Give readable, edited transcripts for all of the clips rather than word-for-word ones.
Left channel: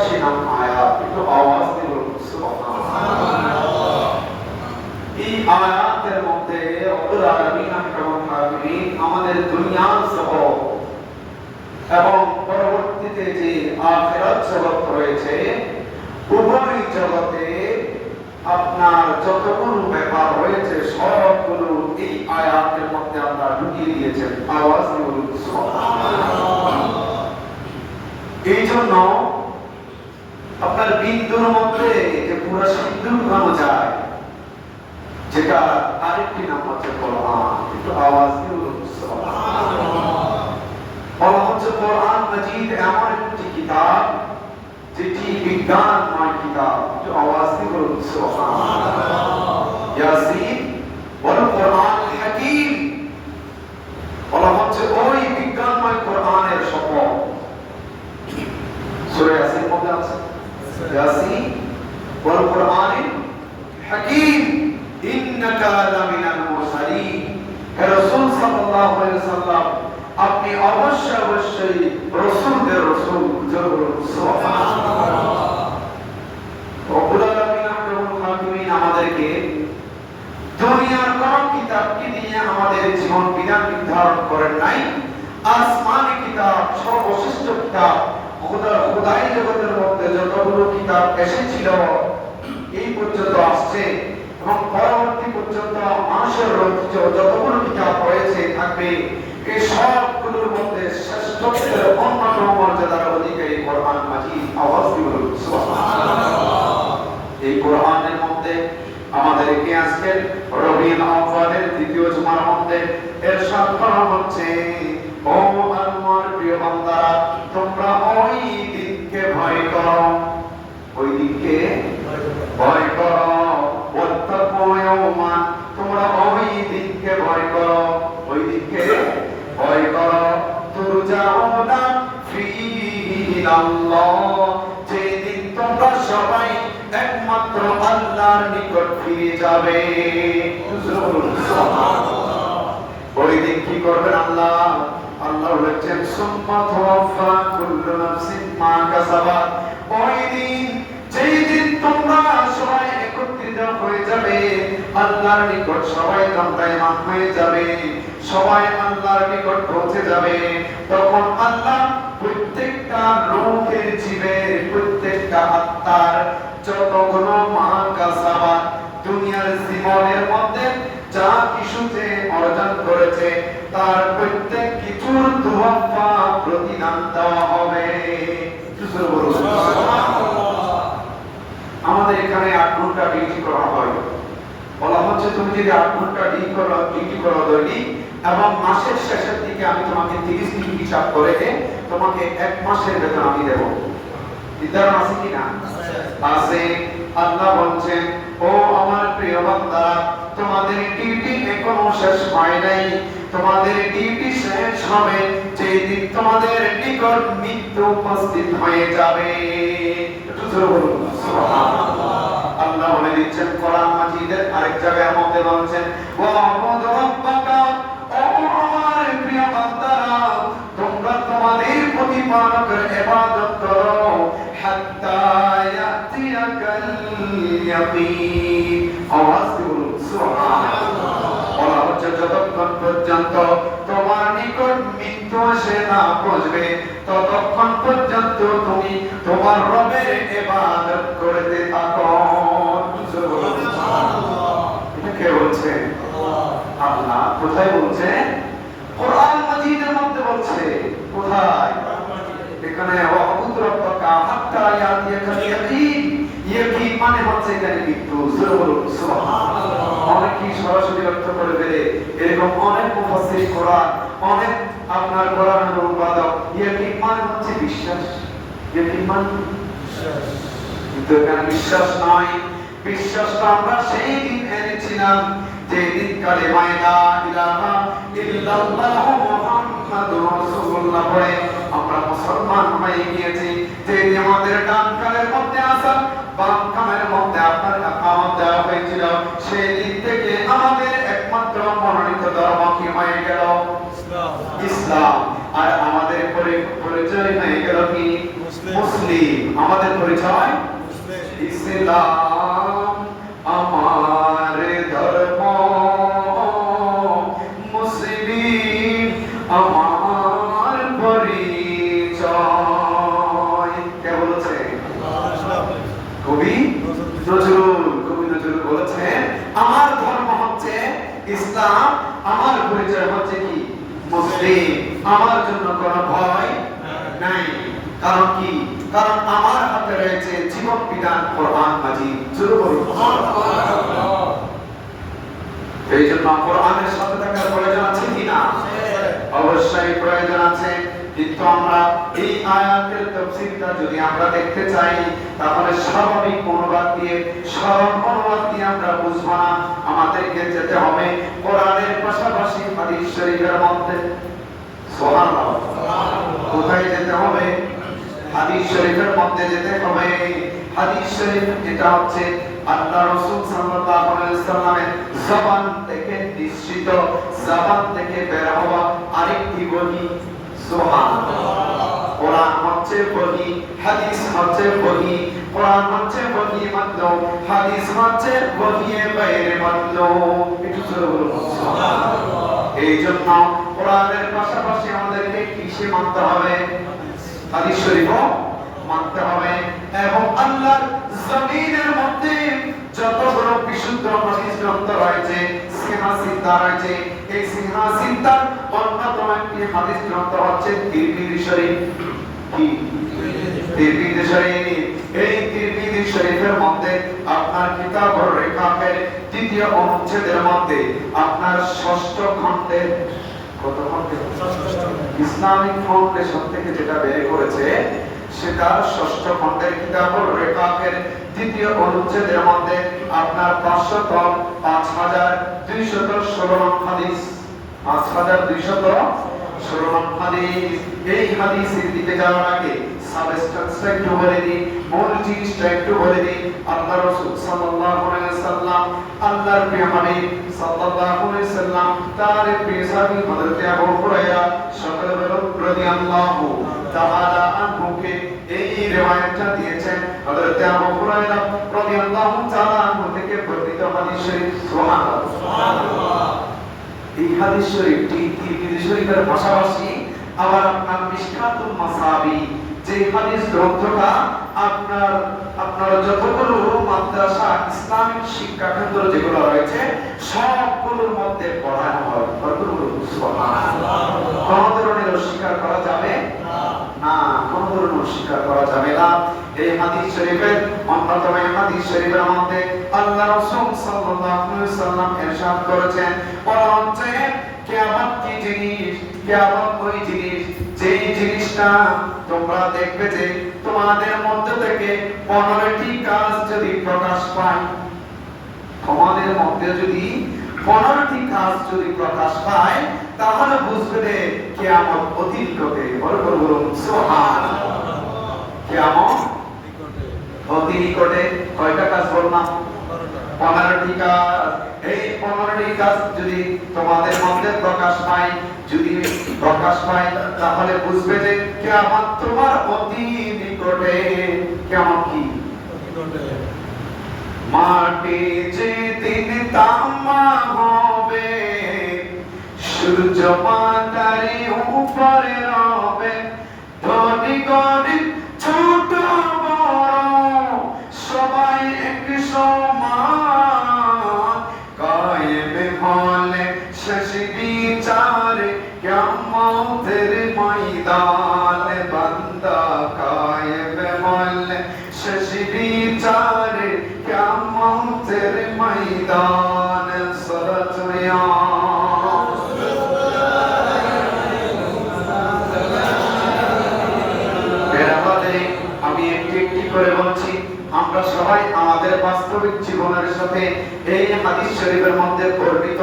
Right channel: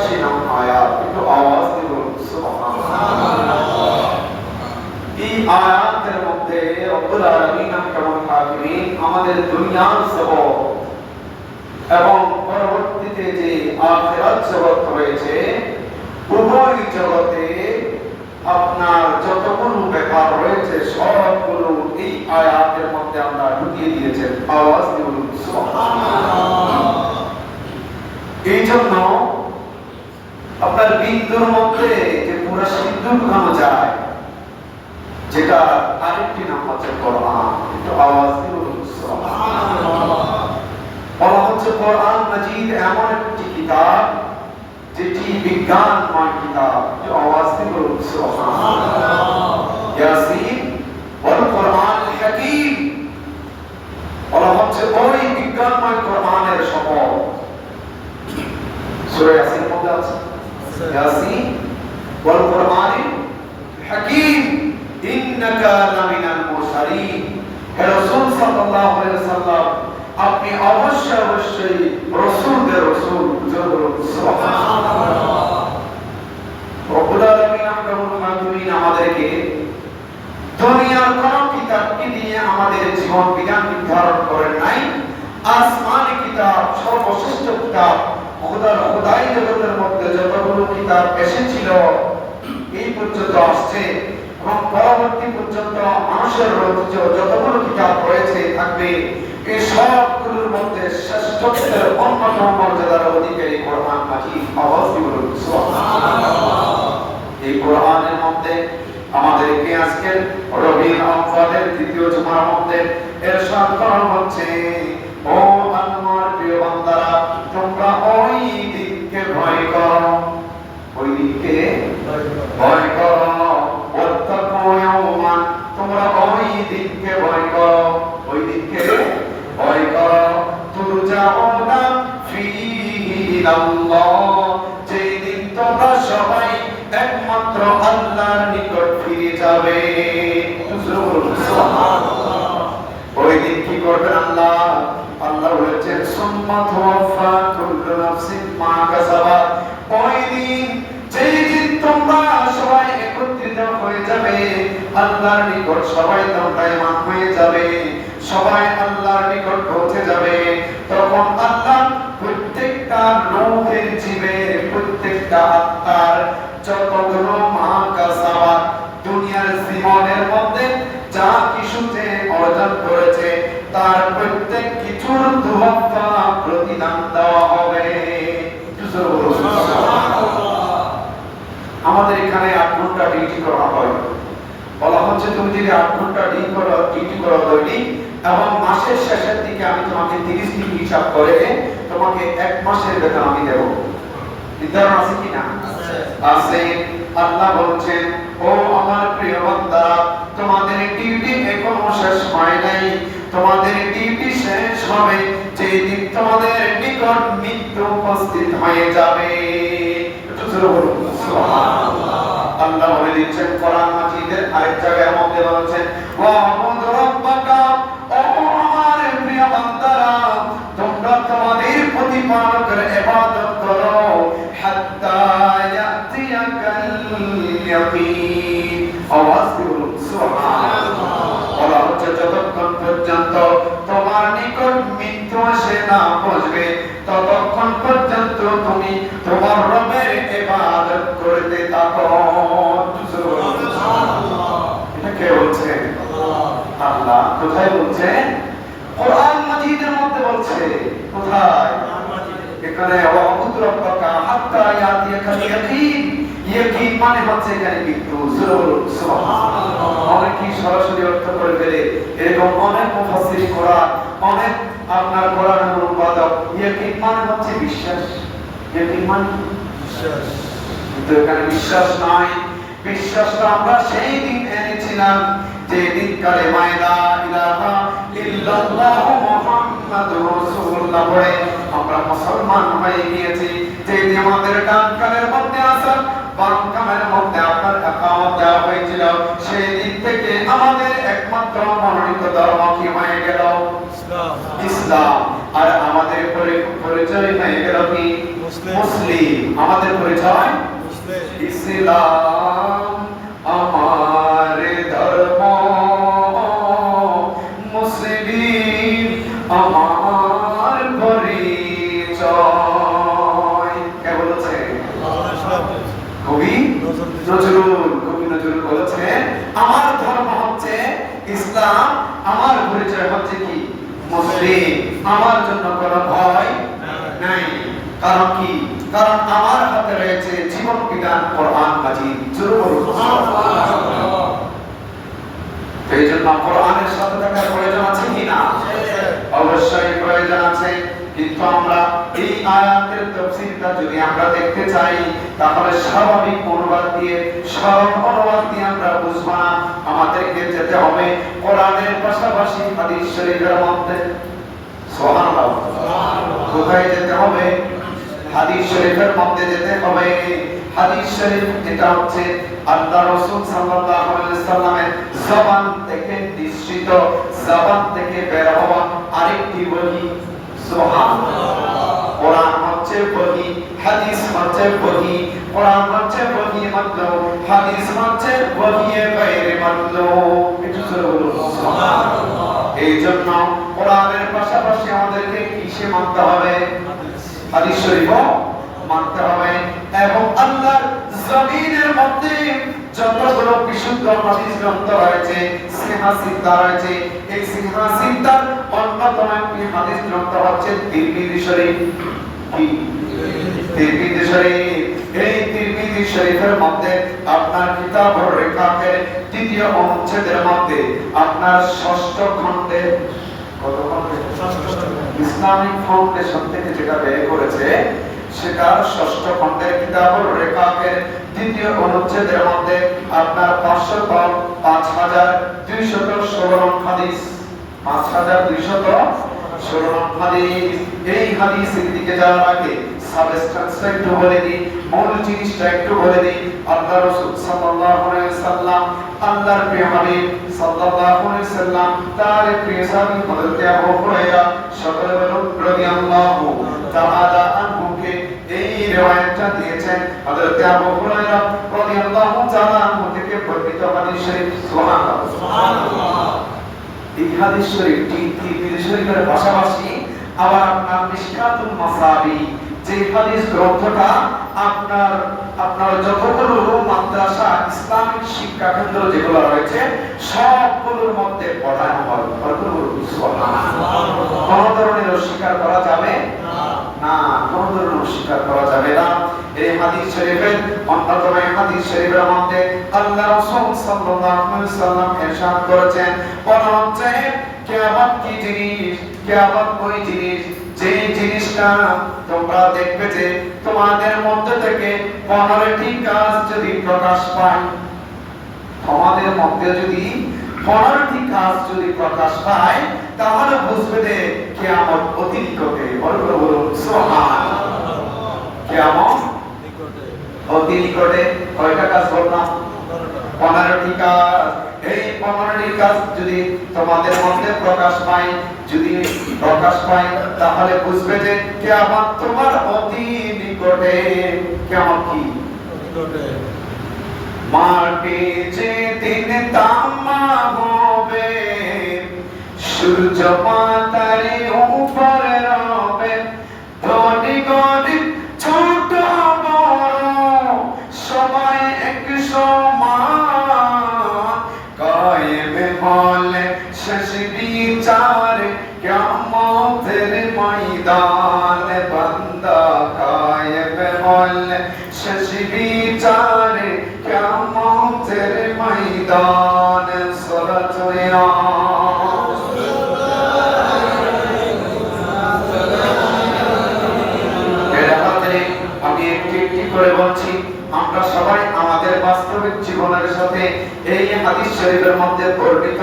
88 নং আয়াত, একটু আওয়াজ দিয়ে বলুন সুবহানাল্লাহ। এই আয়াতের মধ্যে রব্বুল আলামিন এবং হাকিমিন আমাদের দুনিয়ার জগৎ এবং পরবর্তীতে যে আখিরাত জগৎ রয়েছে, উভয় জগতে আপনার যতগুলো ব্যাপার রয়েছে সবগুলো এই আয়াতের মধ্যে আমরা ঢুকিয়ে দিয়েছেন। আওয়াজ দিয়ে বলুন সুবহানাল্লাহ। এই জন্য আপনার বিন্দুর মধ্যে যে পুরো সিন্ধু ঢুকানো যায়, যেটা আরেকটি নাম হচ্ছে কোরআন। একটু আওয়াজ দিয়ে বলুন সুবহানাল্লাহ। বলা হচ্ছে কোরআন মাজিদ এমন একটি কিতাব যেটি বিজ্ঞানময় কিতাব। একটু আওয়াজ দিয়ে বলুন সুবহানাল্লাহ। ইয়াসিন ওয়াল কোরআনুল হাকীম। বলা হচ্ছে ওই বিজ্ঞানময় কোরআনের শপথ। সূরা ইয়াসিন মধ্যে আছে ইয়াসিন ওয়াল কোরআনুল হাকীম ইন্নাকা লামিনাল মুরসালিন। হে রাসূল সাল্লাল্লাহু আলাইহি ওয়াসাল্লাম, আপনি অবশ্যই রাসূলদের রাসূল। সুবহানাল্লাহ। রব্বুল আলামিন আমাদেরকে দুনিয়ার কোন কিতাবকে নিয়ে আমাদের জীবন বিধান নির্ধারণ করেন নাই। আসমানি কিতাব সর্বশ্রেষ্ঠ কিতাব। খোদাই জগতের মধ্যে যতগুলো কিতাব এসেছিল এই পর্যন্ত আসছে এবং পরবর্তী পর্যন্ত মানুষের রচিত যতগুলো কিতাব রয়েছে থাকবে, এই সবগুলোর মধ্যে শ্রেষ্ঠত্বের অন্যতম মর্যাদার অধিকারী কোরআন মাজিদ। আওয়াজ দিয়ে বলুন সুবহানাল্লাহ। এই কোরআনের মধ্যে আমাদেরকে আজকের রবিউল আউয়ালের দ্বিতীয় জুমার মধ্যে ইরশাদ করা হচ্ছে, ও আল্লাহর প্রিয় বান্দারা, তোমরা ওই দিনকে ভয় করো, ওই দিনকে ভয় করো। ওয়াত্তাকু ইয়াওমান, তোমরা ওই দিনকে ভয় করো, ওই দিনকে ভয় করো। তুরজাউনা ফীহি ইলাল্লাহ, যেই দিন তোমরা সবাই একমাত্র আল্লাহর নিকট ফিরে যাবে। সুবহানাল্লাহ। ওই দিন কি করবেন আল্লাহ? আল্লাহ বলেছেন সুম্মা তুওয়াফা কুল্লু নাফসিন মা কাসাবাত। ওই দিন, যেই দিন তোমরা সবাই একত্রিত হয়ে যাবে আল্লাহর নিকট, সবাই তোমরা ঈমান হয়ে যাবে, সবাই আল্লাহর নিকট পৌঁছে যাবে, তখন আল্লাহ প্রত্যেকটা রূহের জীবের, প্রত্যেকটা আত্মার যতগুলো মা কাসাবাত দুনিয়ার জীবনের মধ্যে যা কিছুতে অর্জন করেছে তার প্রত্যেক কিছুর দুহাফা প্রতিদান দেওয়া হবে। আমাদের এখানে 8 ঘন্টা ডিউটি করা হয়। বলা হচ্ছে তুমি যদি 8 ঘন্টা ডিউটি করো দৈনিক এবং মাসের শেষের দিকে আমি তোমাকে 30 দিন হিসাব করে তোমাকে 1 মাসের বেতন আমি দেব। নির্ধারণ আছে কি না? আছে। আল্লাহ বলছেন, ও আমার প্রিয় বান্দারা, তোমাদের ডিউটি এখনো শেষ হয় নাই। তোমাদের ডিউটি শেষ হবে যেই দিন তোমাদের নিকট মৃত্যু উপস্থিত হয়ে যাবে। একটু জোরে বলুন সুবহানাল্লাহ। আল্লাহ বলে দিচ্ছেন কোরআন মাজিদের আরেক জায়গায় মধ্যে বলছেন, ওয়া'বুদ রাব্বাকা, ও আমার প্রিয় বান্দারা, তোমরা তোমাদের প্রতিপালকের ইবাদত করো, হাত্তা ইয়াতিয়াকাল ইয়াকিন। আওয়াজ দিন সুবহানাল্লাহ। বলা হচ্ছে যতক্ষণ পর্যন্ত তোমার নিকট মৃত্যু আসে না পৌঁছবে ততক্ষণ পর্যন্ত তুমি তোমার রবের ইবাদত করতে থাকো। এটা কে বলছে? আল্লাহ। কোথায় বলছে? কোরআন মাজিদের মধ্যে বলছে। কোথায়? এখানে ওয়া'বুদ রাব্বাকা হাত্তা ইয়াতিয়াকাল ইয়াকিন। ইয়াকিন মানে হচ্ছে এখানে মৃত্যু। সুবহানাল্লাহ। অনেকে সরাসরি অর্থ করে ফেলে, এরকম অনেক মুফাসসির কোরআন, অনেক আপনার কোরআনের অনুবাদক ইয়াকিন মানে হচ্ছে বিশ্বাস। ইয়াকিন মানে বিশ্বাস, কিন্তু এখানে বিশ্বাস নয়। বিশ্বাসটা আমরা সেই দিন এনেছিলাম যে দিন কালেমায়ে লা ইলাহা ইল্লাল্লাহ মুহাম্মাদুর রাসূলুল্লাহ পড়ে আমরা মুসলমান হয়ে গিয়েছি। যে আমাদের ডান কানের মধ্যে আসার, বাম কানের মধ্যে আপনার ইকামত দেওয়া হয়েছিল, সেই দিন থেকে আমাদের একমাত্র মনোনীত ধর্ম কি হয়ে গেল? ইসলাম। আর আমাদের আমাদের পরিচয় হয়ে গেল কি? মুসলিম। আমাদের পরিচয় ইসলাম আমার ধর্ম, মুসলিম আমার পরিচয়। কে বলেছে? কবি নজরুল। কবি নজরুল বলেছেন আমার ধর্ম হচ্ছে ইসলাম, আমার পরিচয় হচ্ছে কি? মুসলিম। আমার জন্য কোনো ভয় নাই। কারণ কি? কারণ আমার হাতে রয়েছে জীবন বিধান কোরআন মাজিদ। জোরে বলুন সুবহানাল্লাহ। এই জন্য কোরআনের সাথে থাকার প্রয়োজন আছে কি না? অবশ্যই প্রয়োজন আছে। কিন্তু আমরা এই আয়াতের তাফসীরটা যদি আমরা দেখতে চাই, তাহলে স্বাভাবিক অনুবাদ দিয়ে, সরল অনুবাদ দিয়ে আমরা বুঝবো না। আমাদেরকে যেতে হবে কোরআনের পাশাপাশি হাদিস শরীফের মধ্যে। সুবহানাল্লাহ। কোথায় যেতে হবে? হাদিস শরীফের মধ্যে যেতে হবে। হাদিস শরীফ এটা হচ্ছে আল্লাহ রাসূল সাল্লাল্লাহু আলাইহি ওয়াসাল্লামের জবান থেকে নিঃসৃত, জবান থেকে বের হওয়া আরেকটি বহি। সুবহানাল্লাহ। কোরআন হচ্ছে বহি, হাদিস হচ্ছে বহি। কোরআন হচ্ছে বহি মাতলুব, হাদিস হচ্ছে বহিয়ে বাইরে মাতলুব। একটু জোরে বলুন সুবহানাল্লাহ। এই জন্য কোরআনের পাশাপাশি আমাদেরকে কিসে মানতে হবে? হাদিস শরীফও মানতে হবে। এবং আল্লাহর জমিনের মধ্যে যতগুলো বিশুদ্ধ হাদিস গ্রন্থ রয়েছে, সিহা সিদ্ধা রয়েছে, এই সিহা সিদ্ধার অন্যতম একটি হাদিস গ্রন্থ হচ্ছে তিরমিজি শরীফ। কি? তিরমিজি শরীফ। এই তিরমিজি শরীফের মধ্যে আপনার কিতাবুর রিকাকের তৃতীয় অনুচ্ছেদের মধ্যে আপনার ষষ্ঠ খণ্ডে, কত খণ্ডে? ইসলামিক ফাউন্ডেশন থেকে যেটা ব্যয় করেছে, সেটার ষষ্ঠ খণ্ডের কিতাবুর রিকাকের তৃতীয় অনুচ্ছেদের মধ্যে আপনার 5216 নং হাদিস, 5216 নং হাদিস। এই হাদিসের দিকে যাওয়ার আগে সাবস্টেন্সটা একটু বলে দিই, মূল জিনিসটা একটু বলে দিই। আল্লাহ রাসূল সাল্লাল্লাহু আলাইহি ওয়াসাল্লাম, আল্লাহর প্রিয় হাবিব সাল্লাল্লাহু আলাইহি ওয়াসাল্লাম, তার প্রিয় সাহাবী হযরত আবু হুরায়রা, সকলে বলুন রাদিয়াল্লাহু তাআলা আনহুকে এই রিওয়ায়াতটা দিয়েছেন হযরত আবু হুরায়রা রাদিয়াল্লাহু তাআলা আনহু থেকে বর্ণিত হাদিস শরীফ। সুবহানাল্লাহ সুবহানাল্লাহ। এই হাদিস শরীফটি তিরমিজি শরীফের পাশাপাশি আবার আপনার মিশকাতুল মাসাবি, যে হাদিস গ্রন্থটা আপনার যতগুলো মাদ্রাসা, ইসলামিক শিক্ষা কেন্দ্র যেগুলো রয়েছে, সবগুলোর মধ্যে পড়ানো হয়। কোন ধরনের অস্বীকার করা যাবে না, কোন ধরনের অস্বীকার করা যাবে না। এই হাদিস শরীফের অন্যতম হাদিস শরীফের মধ্যে আল্লাহ রাসূল সাল্লাল্লাহু আলাইহি ওয়াসাল্লাম ইরশাদ করেছেন, বলা হচ্ছে কিয়ামত কি জিনিস? কিয়ামত ওই জিনিস যে জিনিসটা তোমরা দেখবে যে তোমাদের মধ্যে থেকে 15টি কাজ যদি প্রকাশ পায়, তোমাদের মধ্যে যদি 15টি কাজ যদি প্রকাশ পায়, তাহলে বুঝবে যে কিয়ামত অতি নিকটে। বলুন সুবহানাল্লাহ। কিয়ামত অতি নিকটে। কয়টা কাজ বললাম? 15টি কাজ। এই 15টি কাজ যদি তোমাদের মধ্যে প্রকাশ পায়, তাহলে বুঝবে যে কিয়ামত তোমার অতি নিকটে। কিয়ামত কি? মাটি যেদিন তামা হবে, সূর্য মাথার উপরে রবে, ধনী গরিব ছোট বড় সবাই এক সমান, কায়েম হলে শেষ বিচারে কিয়ামতের ময়দানে, বান্দা কায়েম হলে শেষ বিচারে কিয়ামতের ময়দানে। সালাতু ইয়া আমি একটি একটি করে বলছি, আমরা সবাই আমাদের বাস্তবিক জীবনের সাথে এই হাদিস শরীফের মধ্যে বর্ণিত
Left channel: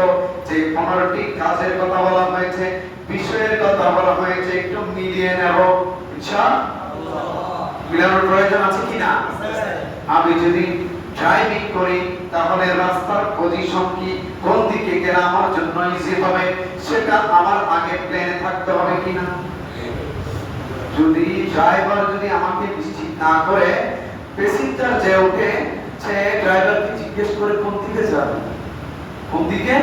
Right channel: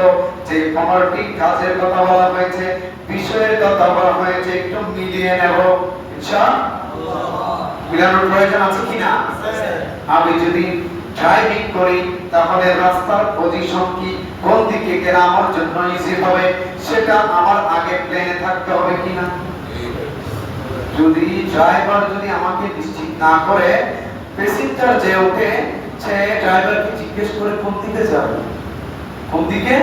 যে 15টি কাজের কথা বলা হয়েছে, বিষয়ের কথা বলা হয়েছে, একটু মিলিয়ে নেব ইনশাআল্লাহ। মিলানোর প্রয়োজন আছে কিনা? আমি যদি ড্রাইভিং করি, তাহলে রাস্তার পজিশন কি, কোন দিকে গেলে আমার জন্য ইজি হবে, সেটা আমার আগে প্ল্যানে থাকতে হবে কিনা? যদি ড্রাইভার যদি আমাকে নিশ্চিত না করে, প্যাসেঞ্জার যে ওঠে সে ড্রাইভারকে জিজ্ঞেস করে কোন দিকে যাবে, কোন দিকে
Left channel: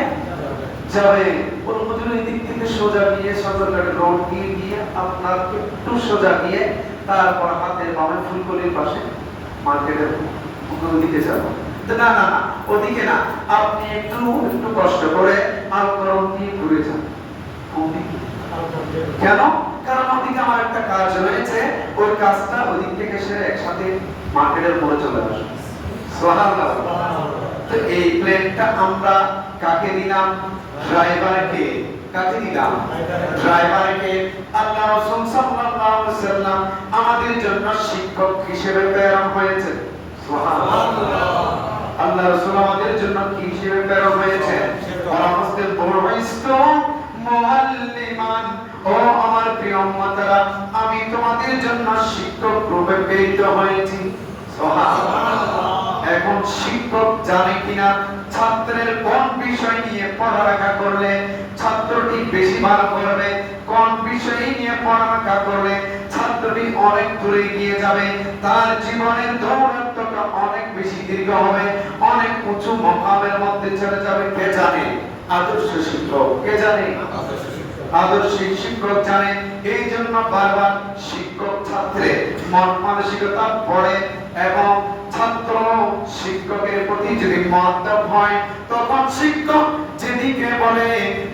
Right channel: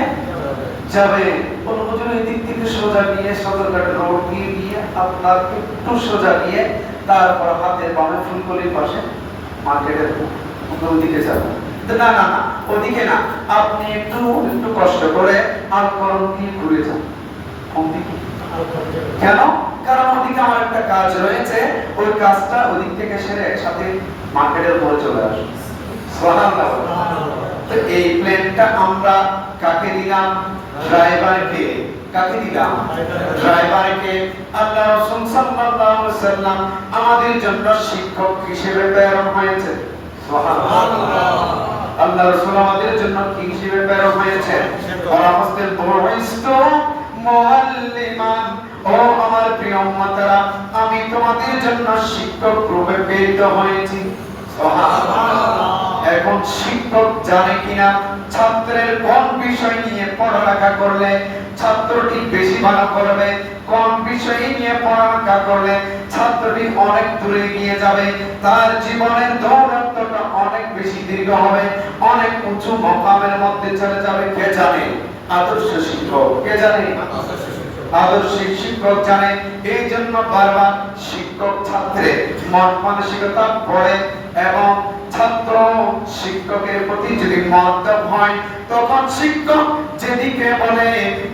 যাবে। কোন মজুর এদিক থেকে সোজা গিয়ে সদরঘাট রোড দিয়ে গিয়ে আপনার একটু সোজা গিয়ে তারপর হাতের বামে ফুলকলির পাশে মার্কেটের ওদিকে যাবো। না না না, ওদিকে না, আপনি একটু একটু কষ্ট করে আলকরম দিয়ে ঘুরে যান। কোন দিকে? কেন? কারণ ওদিকে আমার একটা কাজ রয়েছে, ওই কাজটা ওদিক থেকে সেরে একসাথে মার্কেটের উপরে চলে আসবে। সুবহানাল্লাহ। তো এই প্লেনটা আমরা কাকে দিলাম? ড্রাইভারকে। কাকে দিলাম? ড্রাইভারকে। আল্লাহ রাসূল সাল্লাল্লাহু আলাইহি ওয়াসাল্লাম আমাদের জন্য শিক্ষক হিসেবে প্রেরণ হয়েছে। সুবহানাল্লাহ। আল্লাহ রাসূল আমাদের জন্য কি হিসেবে প্রেরণ হয়েছে? পরামর্শের বুইস্তু মুআল্লিমান, ও আমার প্রিয় উম্মতরা, আমি তোমাদের জন্য শিক্ষক রূপে প্রেরিত হয়েছি। সুবহানাল্লাহ। এখন শিক্ষক জানে কিনা ছাত্রের কোন বিষয় নিয়ে পড়ালেখা করলে ছাত্রটি বেশি ভালো করবে, কোন বিষয় নিয়ে পড়ালেখা করলে ছাত্রটি অনেক দূরে গিয়ে যাবে, তার জীবনের দৌড়াত্মটা অনেক বেশি দীর্ঘ হবে, অনেক উঁচু মকামের মধ্যে চলে যাবে। কে জানে? আদর্শ শিক্ষক। কে জানে? আদর্শ শিক্ষক জানে। এই জন্য বারবার শিক্ষক ছাত্রের মন মানসিকতা পড়ে এবং ছাত্র শিক্ষকের প্রতি যদি মনোযোগ হয়, তখন শিক্ষক যেদিকে বলে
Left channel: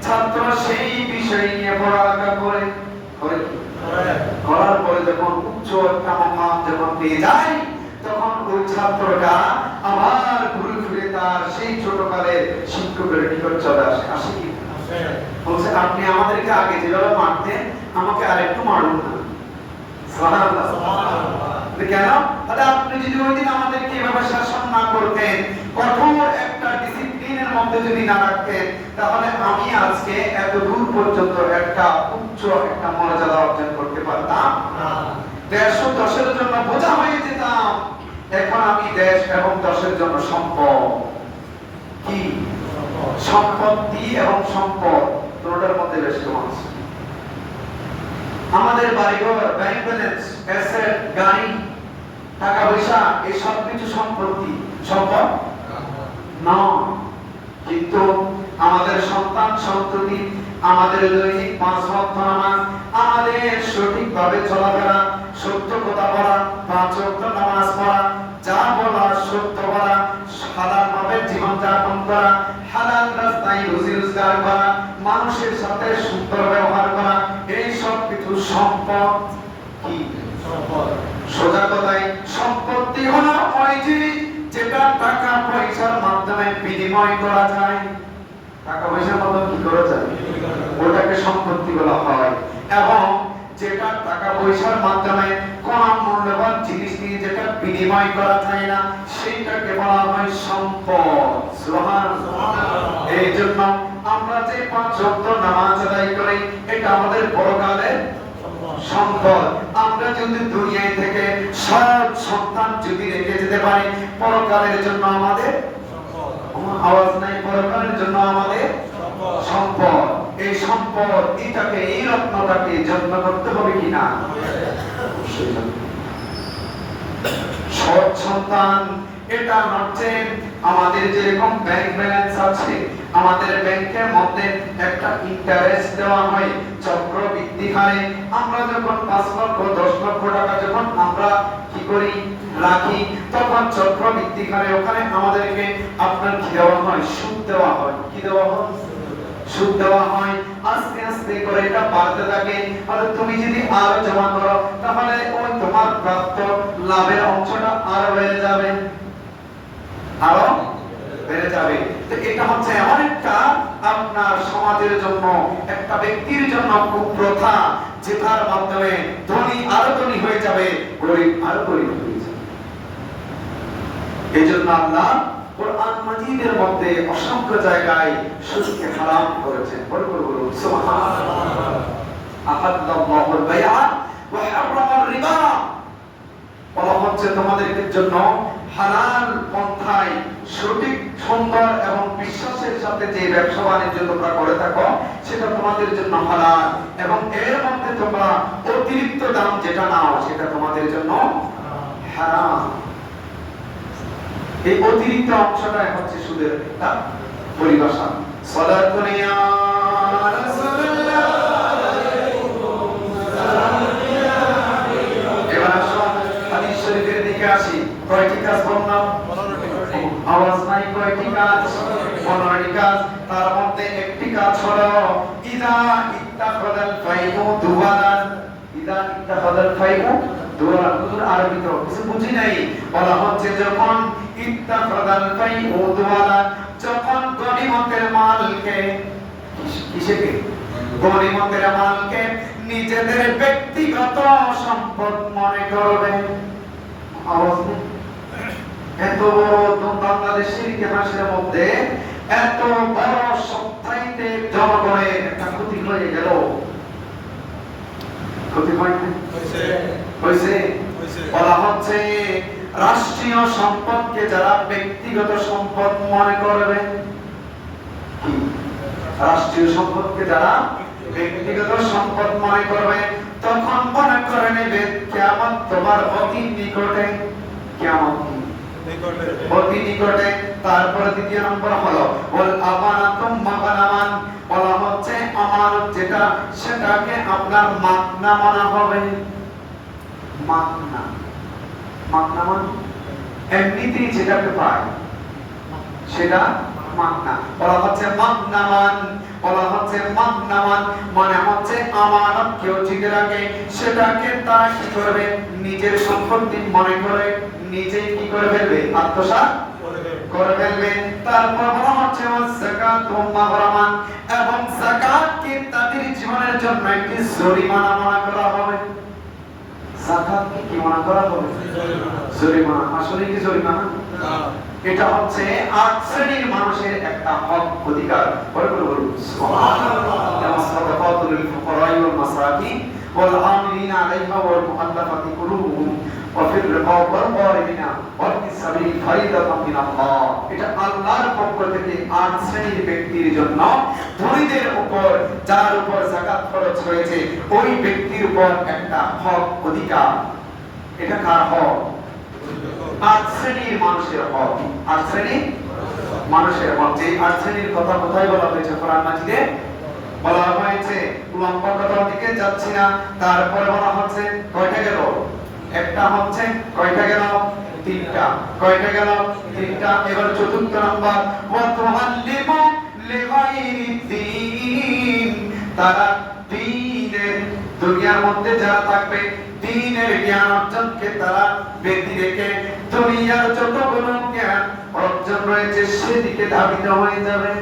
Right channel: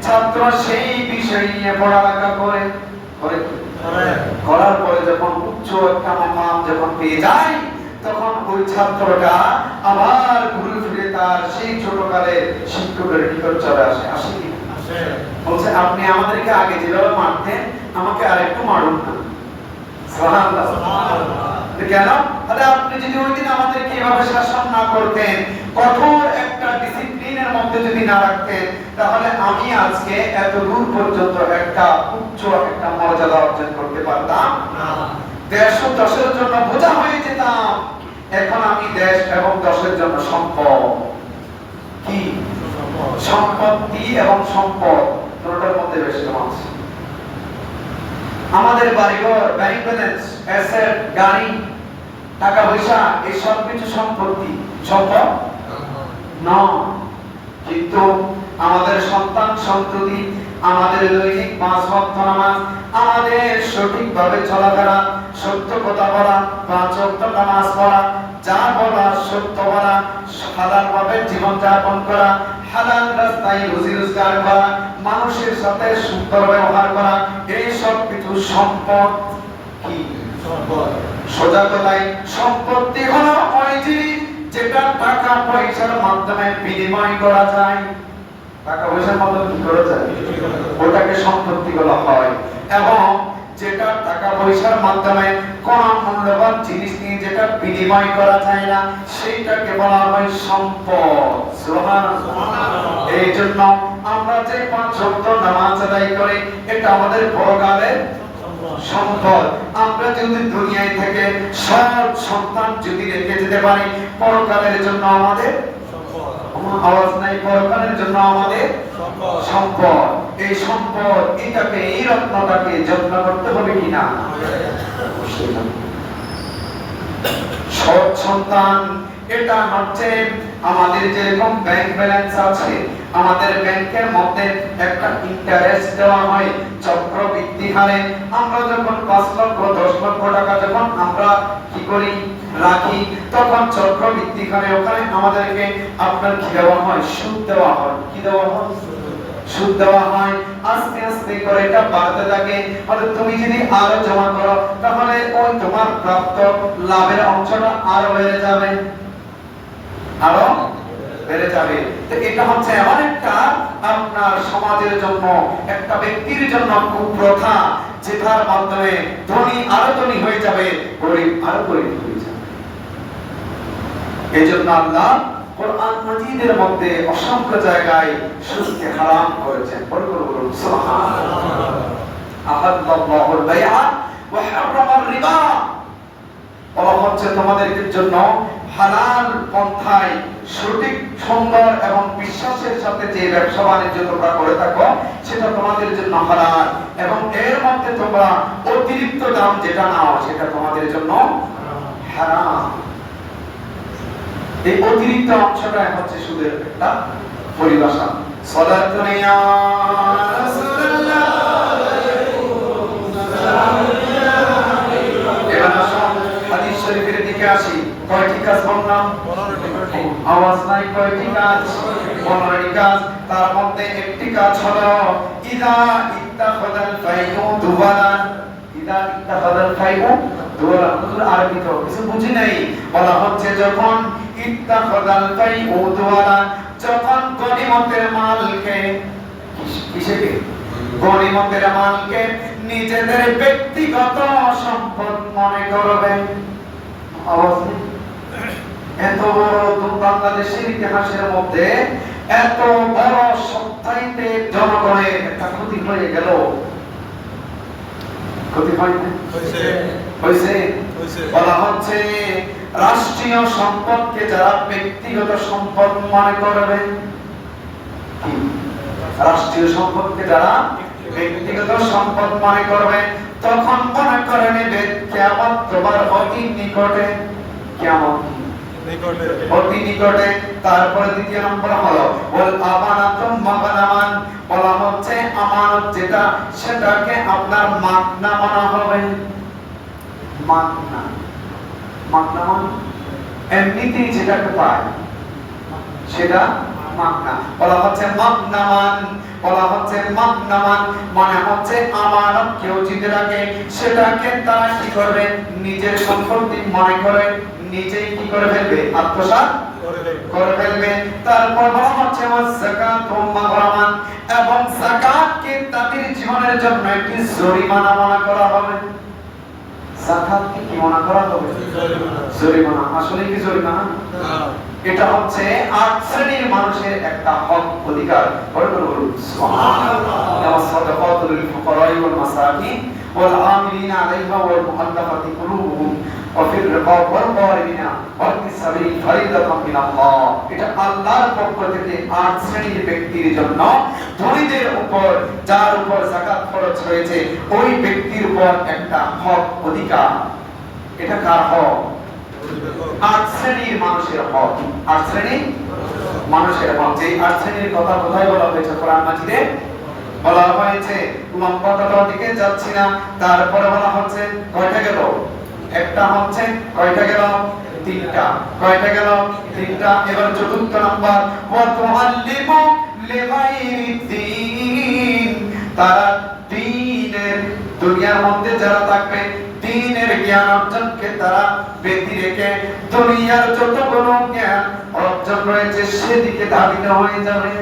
ছাত্র সেই বিষয় নিয়ে পড়ালেখা করে। করার পরে যখন উচ্চ একটা মাকাম যখন পেয়ে যায়, তখন ওই ছাত্রটা আবার ঘুরে ফিরে তার সেই ছোটকালের শিক্ষকের নিকট চলে আসে। আসে কি? বলছে আপনি আমাদেরকে আগে যেভাবে মারতেন আমাকে আরেকটু মারুন না। সুবহানাল্লাহ। কেন? তাহলে আপনি যদি ওই দিন আমাদেরকে এভাবে শাসন না করতেন, কঠোর একটা ডিসিপ্লিনের মধ্যে যদি না রাখতেন, তাহলে আমি আজকে এত দূর পর্যন্ত একটা উচ্চ একটা মর্যাদা অর্জন করতে পারতাম না। দেশ ও দশের জন্য বোঝা হয়ে যেতাম। এখন আমি দেশ এবং দশের জন্য সম্পদ। কি? সম্পত্তি এবং সম্পদ দুটোর মধ্যে ব্যস্ত আছে। আমাদের বাড়িঘর, ব্যাংক ব্যালেন্স, অ্যাসেট, গাড়ি, টাকা পয়সা, এই সব কিছু সম্পত্তি, সম্পদ না। কিন্তু আমাদের সন্তান সন্ততি, আমাদের দৈনিক 5 ওয়াক্ত নামাজ, আমাদের সঠিকভাবে চলাফেরা, সত্য কথা বলা, 5 ওয়াক্ত নামাজ পড়া, যা বলা সত্য বলা, হালালভাবে জীবন যাপন করা, হালাল রাস্তায় রুজি রোজগার করা, মানুষের সাথে সুন্দর ব্যবহার করা, এই সব কিছু সম্পদ। কি সম্পদ? সোজা কথায় সম্পত্তি হলো ওই জিনিস যেটা টাকা পয়সার মাধ্যমে বিনিময় করা যায়। টাকা পয়সার মাধ্যমে কি করা যায়? ওটাকে সম্পত্তি বলা হয়। এবং যেটা টাকা পয়সার মাধ্যমে কোন মূল্যবান জিনিস নিয়ে যেটা বিনিময় করা যায় না, সেইটাকে বলা হয় সম্পদ। সুবহানাল্লাহ। এই জন্য আমরা যে 5 ওয়াক্ত নামাজ আদায় করি, এটা আমাদের পরকালের সম্পদ। আমরা যদি দুনিয়ায় থেকে সৎ সন্তান যদি রেখে যেতে পারি, পরকালের জন্য আমাদের সম্পদ। আওয়াজ নাই, পরকালের জন্য আমাদের সম্পদ। এই সম্পদ, এটাকে, এই রত্নটাকে যত্ন করতে হবে কিনা? সৎ সন্তান এটা হচ্ছে আমাদের যেরকম ব্যাংক ব্যালেন্স আছে, আমাদের ব্যাংকের মধ্যে একটা ইন্টারেস্ট দেওয়া হয় চক্রবৃদ্ধি হারে। আমরা যখন 5 লক্ষ 10 লক্ষ টাকা যখন আমরা কি করি রাখি, তখন চক্রবৃদ্ধি হারে ওখানে আমাদেরকে আপনার কি দেওয়া হয়? সুদ দেওয়া হয়। কি দেওয়া হয়? সুদ দেওয়া হয়। আস্তে আস্তে করে এটা বাড়তে থাকে। আর তুমি যদি আরো জমা করো, তাহলে ওই তোমার প্রাপ্ত লাভের অংশটা আরো বেড়ে যাবে, আরো বেড়ে যাবে। তো এটা হচ্ছে এমন একটা আপনার সমাজের জন্য, একটা ব্যক্তির জন্য কুপ্রথা, যেটার মাধ্যমে ধনী আরো ধনী হয়ে যাবে, গরিব আরো গরিব হয়ে যাবে। এজন্য আল্লাহ কোরআন মাজিদের মধ্যে অসংখ্য জায়গায় সুদকে হারাম করেছেন। বলুন সুবহানাল্লাহ। আহাল্লাল্লাহুল বাইআ ওয়া হারামার রিবা। বলা হচ্ছে তোমাদের জন্য হালাল পন্থায় সঠিক সুন্দর এবং বিশ্বাসের সাথে যে ব্যবসা বাণিজ্য তোমরা করে থাকো সেটা তোমাদের জন্য হালাল, এবং এর মধ্যে তোমরা অতিরিক্ত দাম যেটা নাও সেটা তোমাদের জন্য হারাম। এই অতিরিক্ত অংশটা হচ্ছে সুদের একটা পরিভাষা। সালাতুন ইয়া রাসূলুল্লাহ, এবার আসুন হাদিস শরীফের দিকে আসি। কয়টি কাজ বললাম? 15টি। আওয়াজ নাই, কয়টি কাজ? 15টি কাজ। তার মধ্যে একটি কাজ হলো ইদা ইত্তাখাদাল ফাইউ দুওয়ালান। ইদা ইত্তাখাদাল ফাইউ দুওয়ালান, হুজুর আরবি তো কিছু বুঝি নাই। বলা হচ্ছে যখন ইত্তাখাদাল ফাইউ দুওয়ালান, যখন গনিমতের মালকে, কিসেকে? গনিমতের মালকে নিজেদের ব্যক্তিগত সম্পদ মনে করবে। আওয়াজ নেই। এত বড় বাংলাদেশের ইতিহাসের মধ্যে এত বড় সপ্তাহে জনগণের একটা ক্ষতি হয়ে গেল। ক্ষতি হয়েছে। বলা হচ্ছে রাষ্ট্রীয় সম্পদকে যারা ব্যক্তিগত সম্পদ মনে করবে, রাষ্ট্রীয় সম্পদকে যারা ব্যক্তিগত সম্পদ মনে করবে, তখন মনে করে নেবে কিয়ামত তোমার অতি নিকটে। কিয়ামত অতি নিকটে। তারপরে দ্বিতীয় নম্বর হলো ওয়াল আমানাতুম মাগনামান, বলা হচ্ছে আমানত যেটা সেটাকে আপনার মাগনা মনে হবে। মাগনা, মাগনা মানে এমনিতেই যেটাকে পায় সেটা মাগনা। বলা হচ্ছে মাগনামান, বলা হচ্ছে মাগনামান মানে হচ্ছে আমানত কেউ জিতে রাখে, সেটাকে তারা কি করবে? নিজের সম্পত্তি মনে করে নিজেই কি করে ফেলবে? আত্মসাৎ করে ফেলবে। তারপর বলা হচ্ছে যাকাতু মাগরামান, এবং যাকাতকে তাদের জীবনের জন্য একটি জরিমানা মনে করা হবে। যাকাতকে কি মনে করা হবে? জরিমানা। আসলে কি জরিমানা? এটা হচ্ছে 8 শ্রেণীর মানুষের একটা হক, অধিকার। বলুন সুবহানাল্লাহ। যেমন সাদাকাতুল ফুকারা'i ওয়াল মাসাকিন ওয়াল আমিলিনা আলাইহা ওয়াল মুআল্লাফাতি কুলুবুহুম ওয়া ফির রিকাব ওয়াল গারিমিনা ওয়া ফিস সাবিল ফারিদাতুম মিনাল্লাহ। এটা আল্লাহর পক্ষ থেকে 8 শ্রেণীর ব্যক্তির জন্য, ধনীদের উপর যার উপর যাকাত খরচ হয়েছে ওই ব্যক্তির উপর একটা হক, অধিকার। এটা কার হক? 8 শ্রেণীর মানুষের হক। 8 শ্রেণীর মানুষের হক। যে 8 শ্রেণীর কথা কোথায় বলা হয়েছে কোরআন মাজিদে? বলা হয়েছে, লম্বা কথার দিকে যাচ্ছি না। তারপরে বলা হচ্ছে কয়টা গেল? একটা হচ্ছে কয়টা গেল? 3টা। কয়টা গেল? 3টা। এবার চতুর্থ নাম্বার ওয়া তুআল্লিমু লিগাইরিদ্দিন, তারা দ্বীনের দুনিয়ার মধ্যে যারা থাকবে দ্বীনের জ্ঞান অর্জনকে তারা ব্যতি রেখে দুনিয়ার যতগুলো জ্ঞান অর্জন রয়েছে সেদিকে ধাবিত হয়ে যাবে।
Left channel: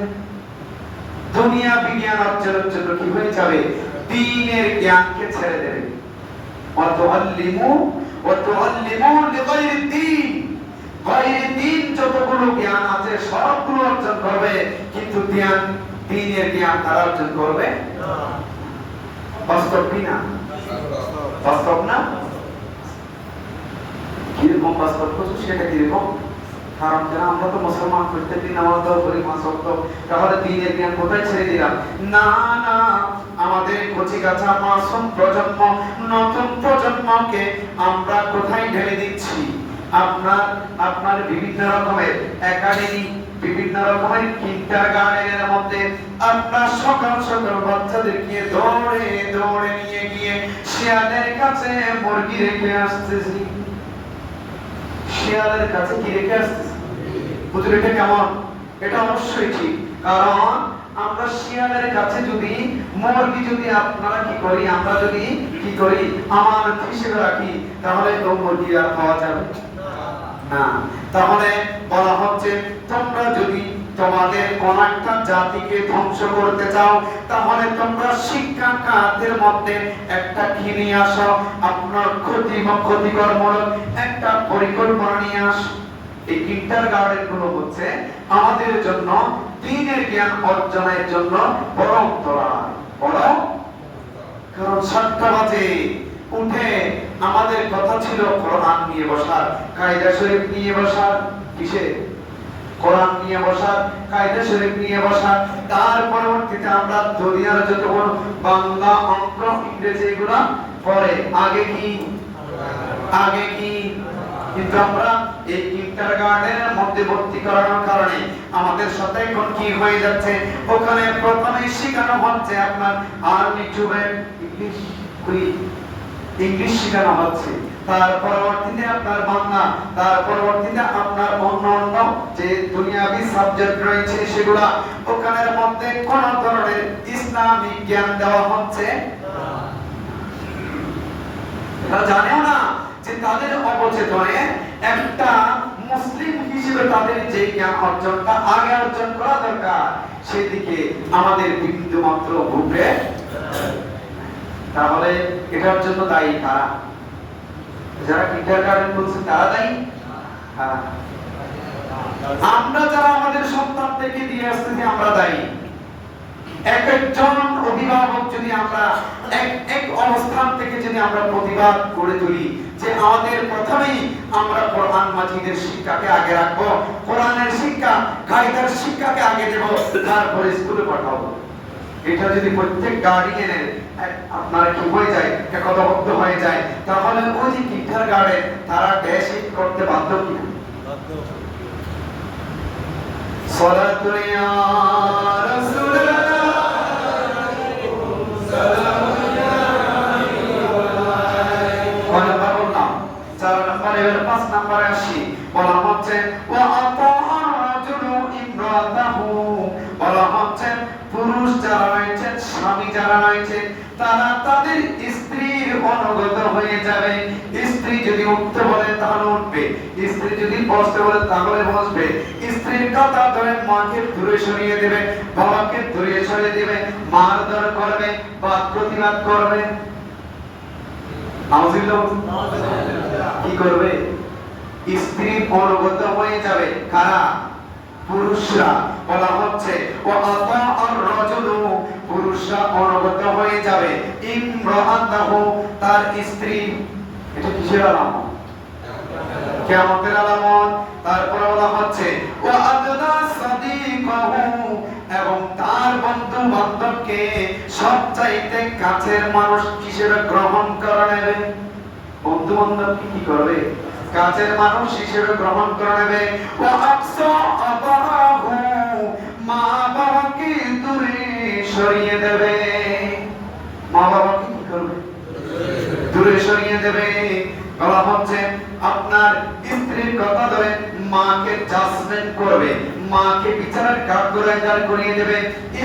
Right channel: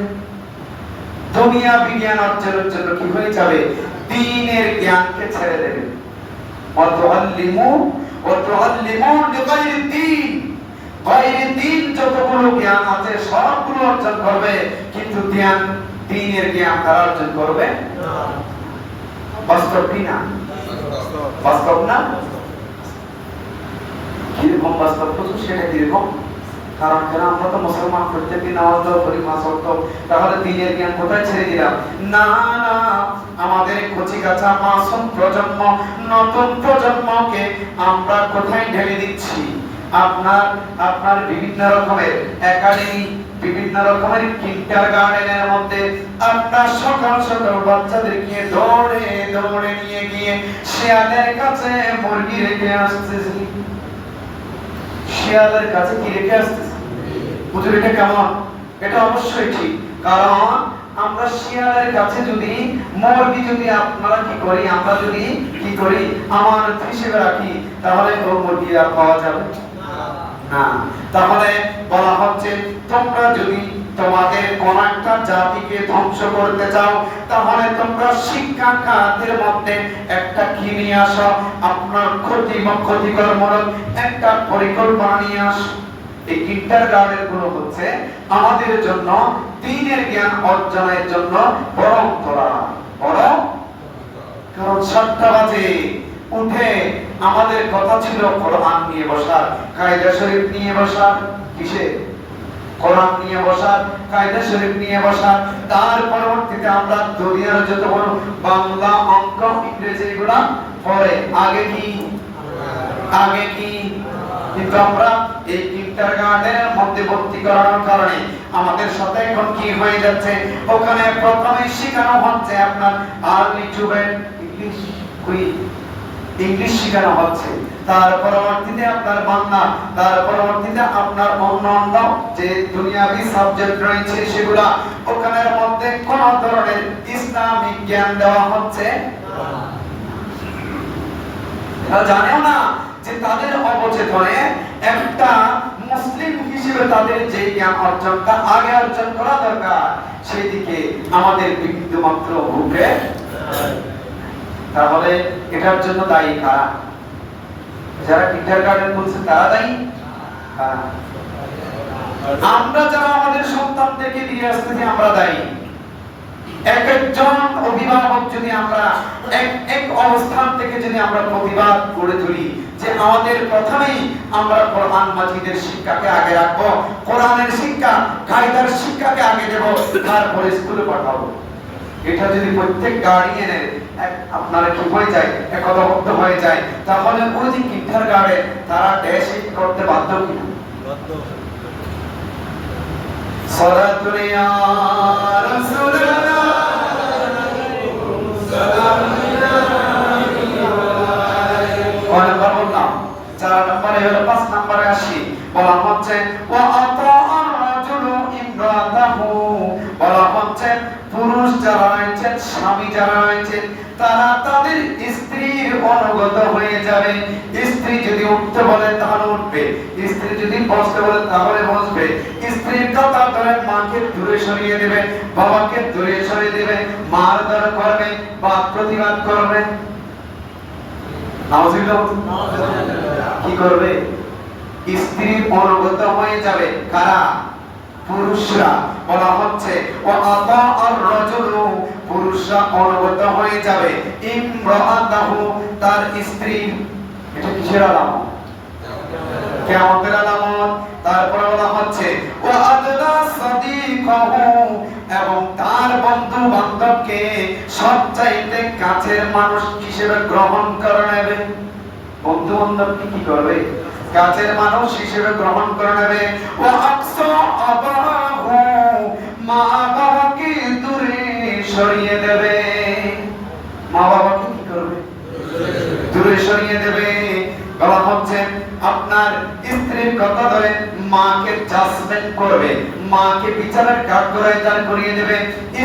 দুনিয়া বিজ্ঞান অর্জনের জন্য কি হয়ে যাবে? দ্বীনের জ্ঞানকে ছেড়ে দেবে। ওয়া তুআল্লিমু লিগাইরিদ্দিন, গায়রিদ্দিন যতগুলো জ্ঞান আছে সবগুলো অর্জন করবে, কিন্তু দ্বীনের জ্ঞান তারা অর্জন করবে না। বাস্তব কি না? বাস্তব না? কিরকম বাস্তব? সেটা কিরকম? কারণ আমরা তো মুসলমান, প্রত্যেকদিন নামাজ পড়ি, মাস ওয়াক্ত, তাহলে দ্বীনের জ্ঞান কোথায় ছেড়ে দিলাম? না না, আমাদের কচিকাঁচা মাসুম প্রজন্ম, নতুন প্রজন্মকে আমরা কোথায় ঢেলে দিচ্ছি? আপনার বিভিন্ন রকমের একাডেমি, বিভিন্ন রকমের কিন্ডারগার্টেনের মধ্যে আপনার সকাল সকাল বাচ্চাদেরকে দৌড়ে দৌড়ে নিয়ে গিয়ে শিয়ালের কাছে মুরগি রেখে আসতেছি। শিয়ালের কাছে কি রেখে আসতেছি? বুঝুন এটা কেমন? এটা অবশ্যই ঠিক। কারণ আমরা শিয়ালের কাছে যদি মুরগি যদি আপনারা কি করি, আমরা যদি কি করি আমানত হিসেবে রাখি, তাহলে তো মুরগি আর পাওয়া যাবে না। তাহলে বলা হচ্ছে তোমরা যদি তোমাদের কোন একটা জাতিকে ধ্বংস করতে চাও, তাহলে তোমরা শিক্ষা খাতের মধ্যে একটা কি নিয়ে আসো? আপনার ক্ষতিকরমূলক একটা পরিকল্পনা নিয়ে আসো। এই কিন্ডারগার্টেন গুলো হচ্ছে আমাদের জন্য দ্বীনের জ্ঞান অর্জনের জন্য বড় অন্তরায়, বড়। কারণ 7টা বাজে, উঠে আমাদের কথা ছিল কোরআন নিয়ে বসার, কায়দা শরীফ নিয়ে বসার, কিসে? কোরআন নিয়ে বসার, কায়দা শরীফ নিয়ে বসার। তার পরবর্তীতে আমরা দুনিয়ার যত বড় বাংলা, অঙ্ক, ইংরেজি এগুলা পরে, আগে কি কিন্তু আমরা এই কিন্ডারগার্টেনের মধ্যে ভর্তি করার কারণে আমাদের সাথে এখন কি হয়ে যাচ্ছে, ওখানে প্রথমে শেখানো হচ্ছে আপনার আর্লি টুডেন্ট ইংলিশ শেখানো হচ্ছে, তার পরবর্তীতে আপনার বাংলা, তার পরবর্তীতে আপনার অন্য যে দুনিয়াবি সাবজেক্ট রয়েছে সেগুলা, ওখানের মধ্যে কোন ধরনের ইসলামিক জ্ঞান দেওয়া হচ্ছে না। জানেও না যে তাদের অবচেতনে একটা মুসলিম হিসেবে তাদের যে জ্ঞান অর্জনটা আগে অর্জন করা দরকার সেই দিকে আমাদের বিন্দু মাত্র ঘুরে। তাহলে এটার জন্য দায়ী কারা? যারা কিন্ডারগার্টেন বলছে তারা দায়ী? আমরা যারা আমাদের সন্তানদেরকে দিয়ে আসতেছি আমরা দায়ী। একজন অভিভাবক যদি আমরা এক অবস্থান থেকে যদি আমরা প্রতিবাদ করে তুলি যে আমাদের প্রথমেই আমরা কোরআন মাজিদের শিক্ষাকে আগে রাখবো, কোরআনের শিক্ষা, কায়দার শিক্ষাকে আগে দেব, তারপরে স্কুলে পাঠাবো, এটা যদি প্রত্যেক গার্ডিয়ানের আপনারা কি হয়ে যায়, একতাবদ্ধ হয়ে যায়, তাহলে ওই যে কিন্ডারগার্টেন তারা ড্যাশ করতে বাধ্য কি? সালাতু ইয়া রাসূলুল্লাহ, সালাম ইয়া হাবিবাল্লাহ। কোন নাম্বার বললাম? 4 নম্বরে হলো 5 নম্বরে আসি, বলা হচ্ছে ওয়া আতাআর রাজুলু ইমরাতাহু, বলা হচ্ছে পুরুষ যারা রয়েছেন, স্বামী যারা রয়েছেন, তারা তাদের স্ত্রীর অনুগত হয়ে যাবে। স্ত্রী যদি উঠতে বলে তাহলে উঠবে, স্ত্রী যদি বসতে বলে তাহলে বসবে, স্ত্রীর কথা ধরে মাকে দূরে সরিয়ে দেবে, বাবাকে দূরে সরিয়ে দেবে, মারধর করবে বা প্রতিবাদ করবে। কি করবে? স্ত্রীর অনুগত হয়ে যাবে। কারা? পুরুষরা। বলা হচ্ছে ওয়া আতাআর রাজুলু, পুরুষরা অনুগত হয়ে যাবে ইমরাআতাহু, তার স্ত্রী। এটা কিসের আলামত? কিয়ামতের আলামত। তারপর বলা হচ্ছে ওয়া আদনা সাদিকাহু, এবং তার বন্ধু বান্ধবকে সবচাইতে কাছের মানুষ হিসেবে গ্রহণ করে নেবে। বন্ধু বান্ধবকে কি করবে? কাছের মানুষ হিসেবে গ্রহণ করে নেবে। ওয়া আকসা আবাহু, মা বাবাকে দূরে সরিয়ে দেবে। মা বাবাকে কি করবে? দূরে সরিয়ে দেবে। বলা হচ্ছে আপনার স্ত্রীর কথা ধরে মাকে জাজমেন্ট করবে, মাকে বিচারের কাঠগড়ায় দাঁড় করিয়ে দেবে।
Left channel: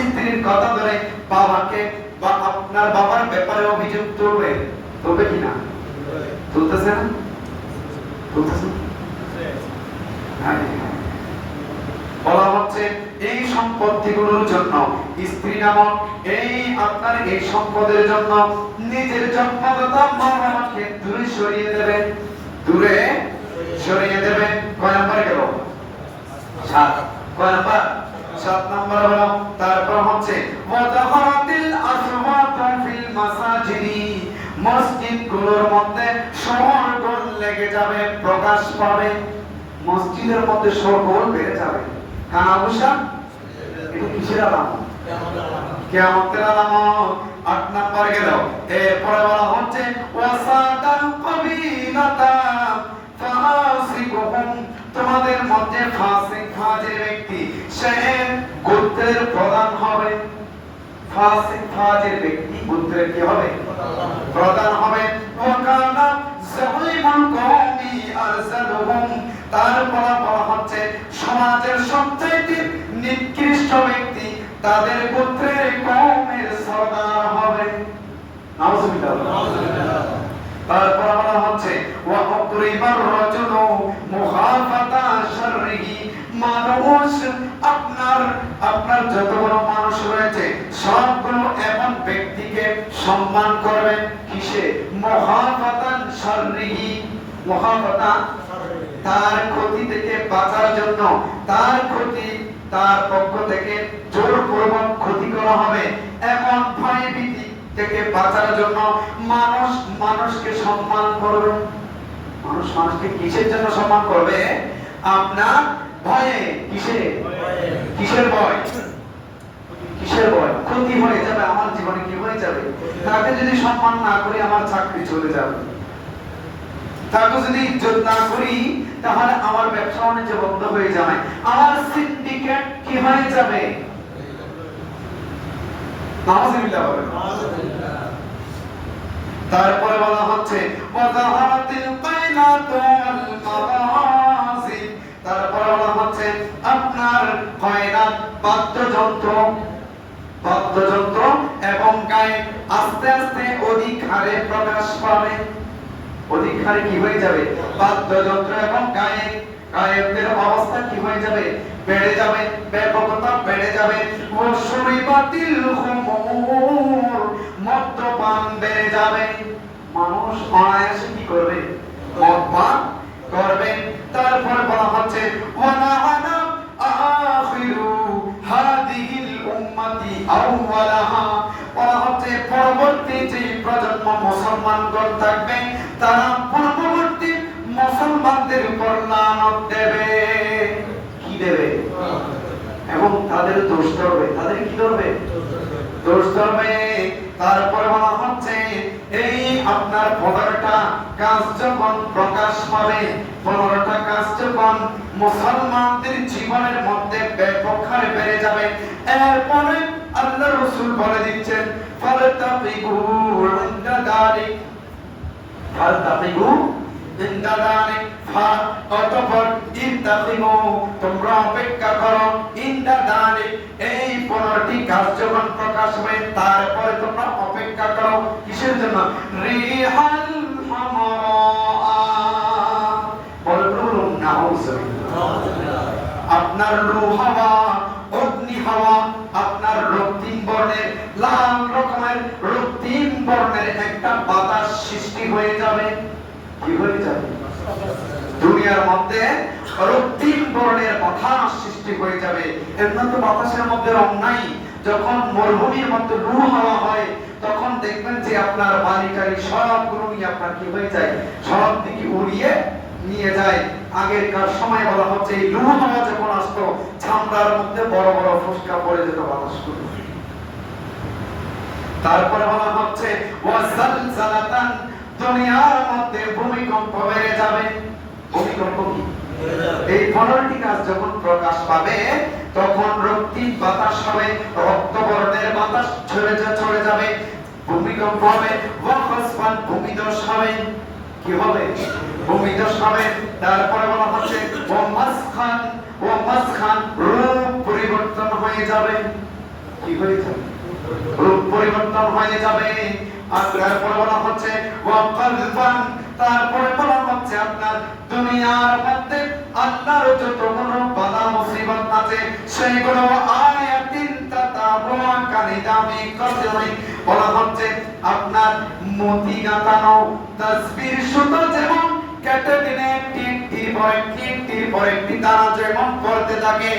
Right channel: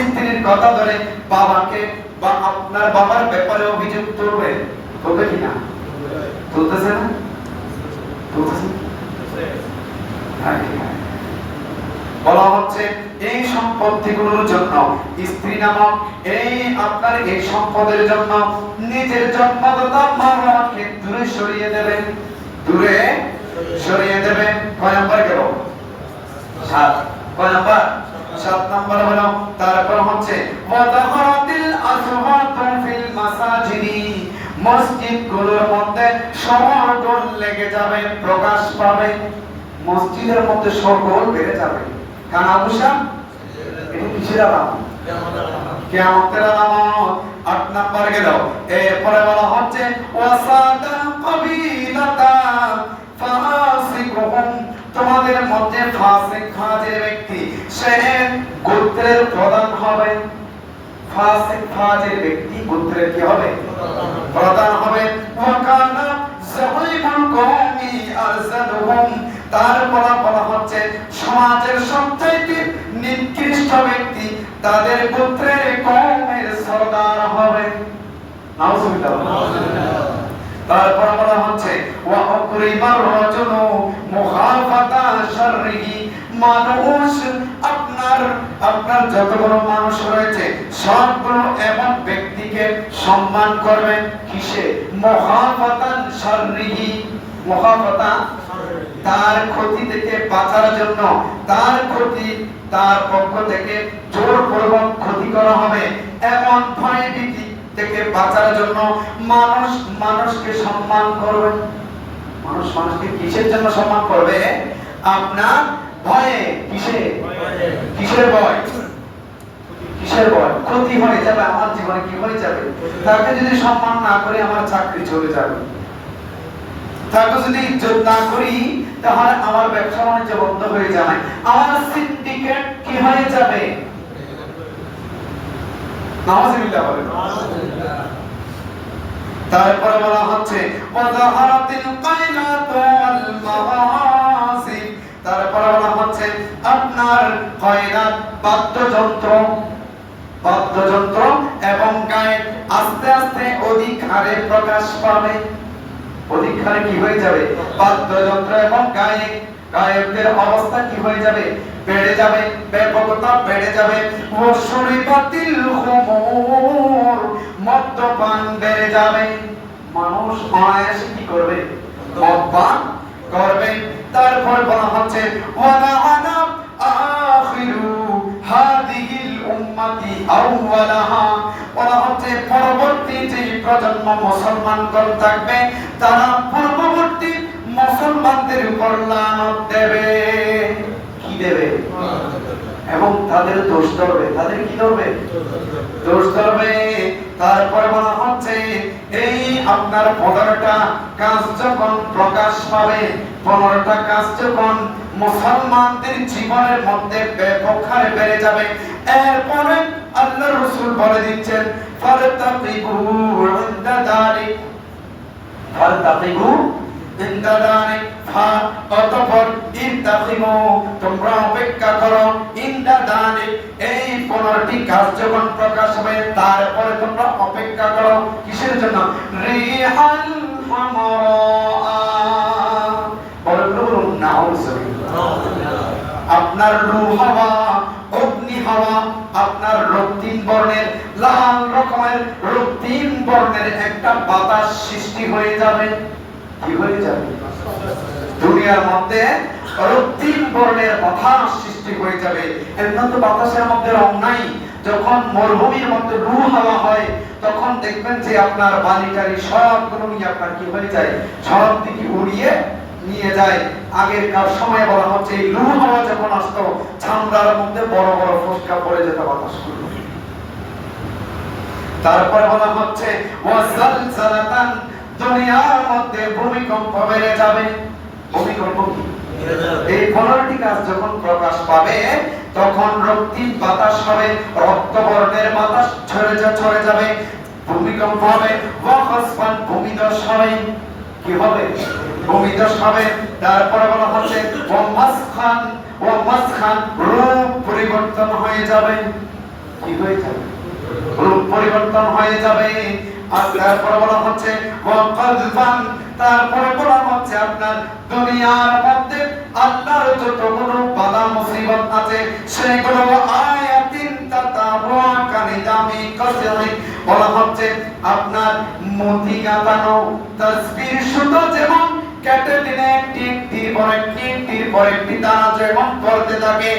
স্ত্রীর কথা ধরে বাবাকে বা আপনার বাবার ব্যাপারে অভিযোগ তুলবে। তুলবে কিনা? তুলতেছে না? বলা হচ্ছে এই সম্পত্তিগুলোর জন্য, স্ত্রী নামক এই আপনার এই সম্পদের জন্য নিজের জন্মদাতা মা বাবাকে দূরে সরিয়ে দেবে, দূরে সরিয়ে দেবে। কয় নাম্বার গেল? 7। কয় নাম্বার? 7 নাম্বার হলো তারপর হচ্ছে ওয়াদাহারাতিল আসওয়াতু ফিল মাসাজিদি, মসজিদগুলোর মধ্যে শোরগোল লেগে যাবে, প্রকাশ পাবে। মসজিদের মধ্যে শোরগোল বেড়ে যাবে। কানাঘুষা, এটা কিসের আলামত? কিয়ামতের আলামত। 8 নাম্বার গেল। এরপরে বলা হচ্ছে ওয়াসাদাল কাবিলাতা ফাসিকুহুম, তোমাদের মধ্যে ফাসিক ফাজির ব্যক্তি সে গোত্রের প্রধান হবে। ফাসিক ফাজির ব্যক্তি গোত্রের কি হবে? প্রধান হবে। ওয়াকানা যালিমুল কওমি আরসাদুহুম, তারপর বলা হচ্ছে সমাজের সবচেয়ে নিকৃষ্ট ব্যক্তি তাদের গোত্রের কওমের সরদার হবে। নাউযুবিল্লাহ। তারপর বলা হচ্ছে ওয়া আকরিমার রাজুলু মুখাফাতা শাররিহি, মানুষ আপনার যতগুলো মানুষ রয়েছে সবগুলো এমন ব্যক্তিকে সম্মান করবেন। কিসে? মুখাফাতান শাররিহি, মুখাফাতা তার ক্ষতি থেকে বাঁচার জন্য, তার ক্ষতি তার পক্ষ থেকে জোরপূর্বক ক্ষতি করা হবে এমন ভয়ভীতি থেকে বাঁচার জন্য মানুষ মানুষকে সম্মান করবে। মানুষ মানুষকে কিসের জন্য সম্মান করবে? আপনার ভয়ে। কিসের ভয়? কিসের ভয়? ক্ষতি হয়ে যাবে, আমার জীবনে কি হয়ে যাবে, তাকে যদি সম্মান না করে আমার চাকরি চলে যাবে, তাকে যদি ইজ্জত না করি তাহলে আমার ব্যবসা বাণিজ্য বন্ধ হয়ে যাবে, আমার সিন্ডিকেট কি হয়ে যাবে। নাউযুবিল্লাহ বলেন। তারপরে বলা হচ্ছে ওয়াযাহারাতিল কায়নাতু ওয়াল মাওয়াসিব। তারপরে বলা হচ্ছে আপনার কয়নাত বাদ্যযন্ত্র এবং গায়ক আস্তে আস্তে অধিক হারে প্রকাশ পাবে। অধিক হারে কি হয়ে যাবে? বাদ্যযন্ত্র এবং গায়কদের অবস্থা কি হয়ে যাবে? বেড়ে যাবে, ব্যাপকতা বেড়ে যাবে। ওয়াশুরিবাতিল খুমুর, মদ্যপান বেড়ে যাবে। মানুষ অনায়াসে কি করবে? মদ্যপান করবে। তারপর বলা হচ্ছে ওয়ালাআনা আখিরু হাদিহিল উম্মতি আউওয়ালাহা। বলা হচ্ছে পরবর্তী যে প্রজন্ম মুসলমানগণ থাকবে তারা পূর্ববর্তী মুসলমানদের উপর লানত দেবে। কি দেবে? এবং তাদের দোষ ধরবে। তাদের কি ধরবে? দোষ ধরবে। তারপরে বলা হচ্ছে এই আপনার 15টা কাজ যখন প্রকাশ পাবে, 15টা কাজ যখন মুসলমানদের জীবনের মধ্যে ব্যাপক হারে বেড়ে যাবে, এরপরে আল্লাহ রাসূল বলে দিচ্ছেন ফারতাকিবু ইনদা দালিক, ফারতাকিবু ইনদা দালিক, অতঃপর ইনতাকিমু, তোমরা অপেক্ষা করো, ইনদা দালিক, এই 15টি কাজ যখন প্রকাশ হবে তারপরে তোমরা অপেক্ষা করো। কিসের জন্য? রিহাল হামারা, বলুন নাউযুবিল্লাহ। আপনার লু হাওয়া, অগ্নি হাওয়া, আপনার রক্তিম বর্ণের, লাল রকমের রক্তিম বর্ণের একটা বাতাস সৃষ্টি হয়ে যাবে। কি হয়ে যাবে? দুনিয়ার মধ্যে রক্তিম বর্ণের বাতাস সৃষ্টি হয়ে যাবে। এমন তো বাতাসের মধ্যে রং নাই। যখন মরুভূমির মধ্যে লু হাওয়া হয় তখন দেখবেন যে আপনার বালিটারি সবগুলো নিয়ে আপনার কি হয়ে যায়? সব দিকে উড়িয়ে নিয়ে যায়। আগেরকার সময় বলা হচ্ছে এই লু হাওয়া যখন আসতো চামড়ার মধ্যে বড় বড় ফোসকা পড়ে যেত বাতাসগুলো। তারপরে বলা হচ্ছে ওয়াজালজালাতান, দুনিয়ার মধ্যে ভূমিকম্প বেড়ে যাবে। ভূমিকম্প কি? এই 15টি কাজ যখন প্রকাশ পাবে তখন রক্তিম বাতাস হবে, রক্তবর্ণের বাতাস ছড়ে যাবে, ভূমিকম্প হবে, ওয়াখসফান, ভূমিধস হবে। কি হবে? ভূমিধস হবে। তারপরে বলা হচ্ছে ওয়ামাসখান, রূপ পরিবর্তন হয়ে যাবে। কি হয়ে যাবে? রূপ পরিবর্তন হয়ে যাবে। আর তারপরে বলা হচ্ছে ওয়াকাযফান, তারপরে বলা হচ্ছে আপনার দুনিয়ার মধ্যে আল্লাহর যতগুলো বালা মুসিবত আছে সেগুলো আয়াতিন তাতাবুআ কানিদামি কাসরি, বলা হচ্ছে আপনার মতি গাঁথানো তাসবির সুতো যেমন কেটে দিনে একটির পর একটি দানা যেমন পড়তে থাকে,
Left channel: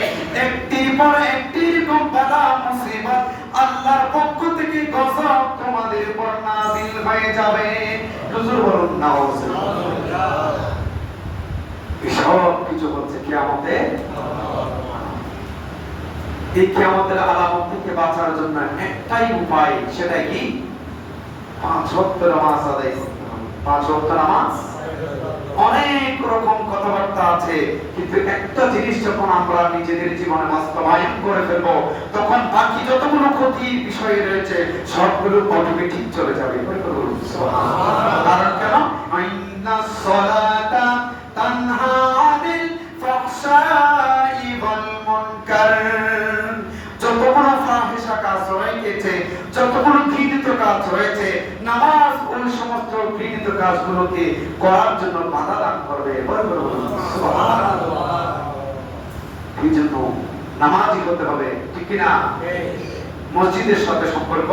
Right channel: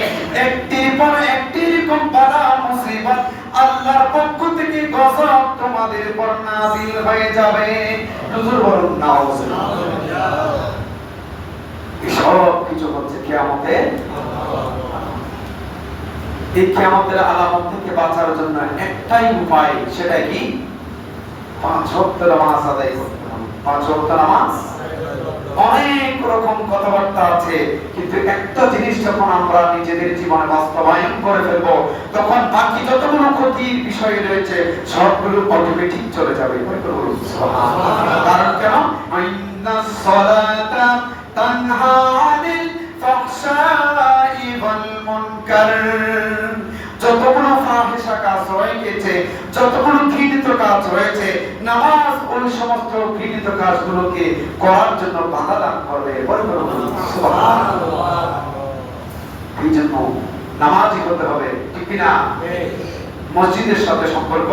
একটির পর একটি এরকম বালা মুসিবত আল্লাহর পক্ষ থেকে গজব তোমাদের উপর নাযিল হয়ে যাবে। হুজুর বলুন নাউযুবিল্লাহ। এই সব কিছু হচ্ছে কিয়ামতে। এই কিয়ামতের আলামত থেকে বাঁচার জন্য একটাই উপায়, সেটা কি? 5 ওয়াক্ত নামাজ আদায় করতে হবে। 5 ওয়াক্ত নামাজ। অনেক রকম কথাবার্তা আছে, কিন্তু একটা জিনিস যখন আমরা নিজেদের জীবনে বাস্তবায়ন করে ফেলব তখন বাকি যতগুলো ক্ষতির বিষয় রয়েছে সবগুলো অটোমেটিক চলে যাবে। কারণ কেন? ইন্নাস সালাতা তানহা আনিল ফাহশাই ওয়াল মুনকার। যতগুলো ফাহিশা কাজ রয়েছে, যতগুলো ঘৃণিত কাজ রয়েছে, নামাজ ওই সমস্ত ঘৃণিত কাজগুলোকে করার জন্য বাধা দান করবে। সুবহানাল্লাহ। এই জন্য নামাজি হতে হবে, ঠিক কি না? মসজিদের সাথে সম্পর্ক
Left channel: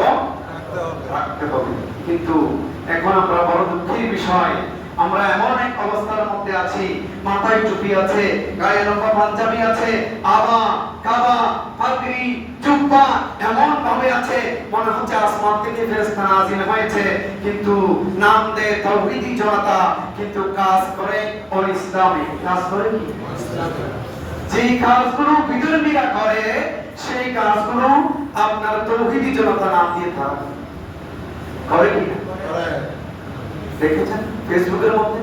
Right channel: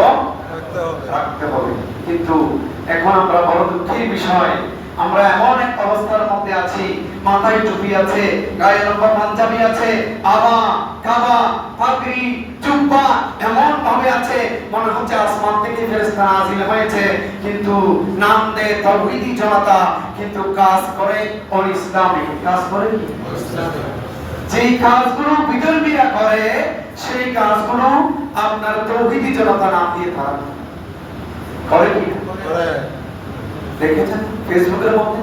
রাখতে হবে। কিন্তু এখন আমরা বড় দুঃখের বিষয়, আমরা এমন এক অবস্থার মধ্যে আছি, মাথায় টুপি আছে, গায়ে লম্বা পাঞ্জাবি আছে, আবা কাবা পাগড়ি জুব্বা এমন ভাবে আছে মনে হচ্ছে আসমান থেকে ফেরেশতা নাযিল হয়েছে, কিন্তু নাম দেয় তাওহীদি জনতা, কিন্তু কাজ করে ইসলামিক কাজ করে কি ইসলামিক। যেই কাজগুলো বিধর্মীরা করে সেই কাজগুলো আপনার তাওহীদি জনতা নাম দিয়ে থাকে করে কি করে। দেখেছেন ফেসবুকের মধ্যে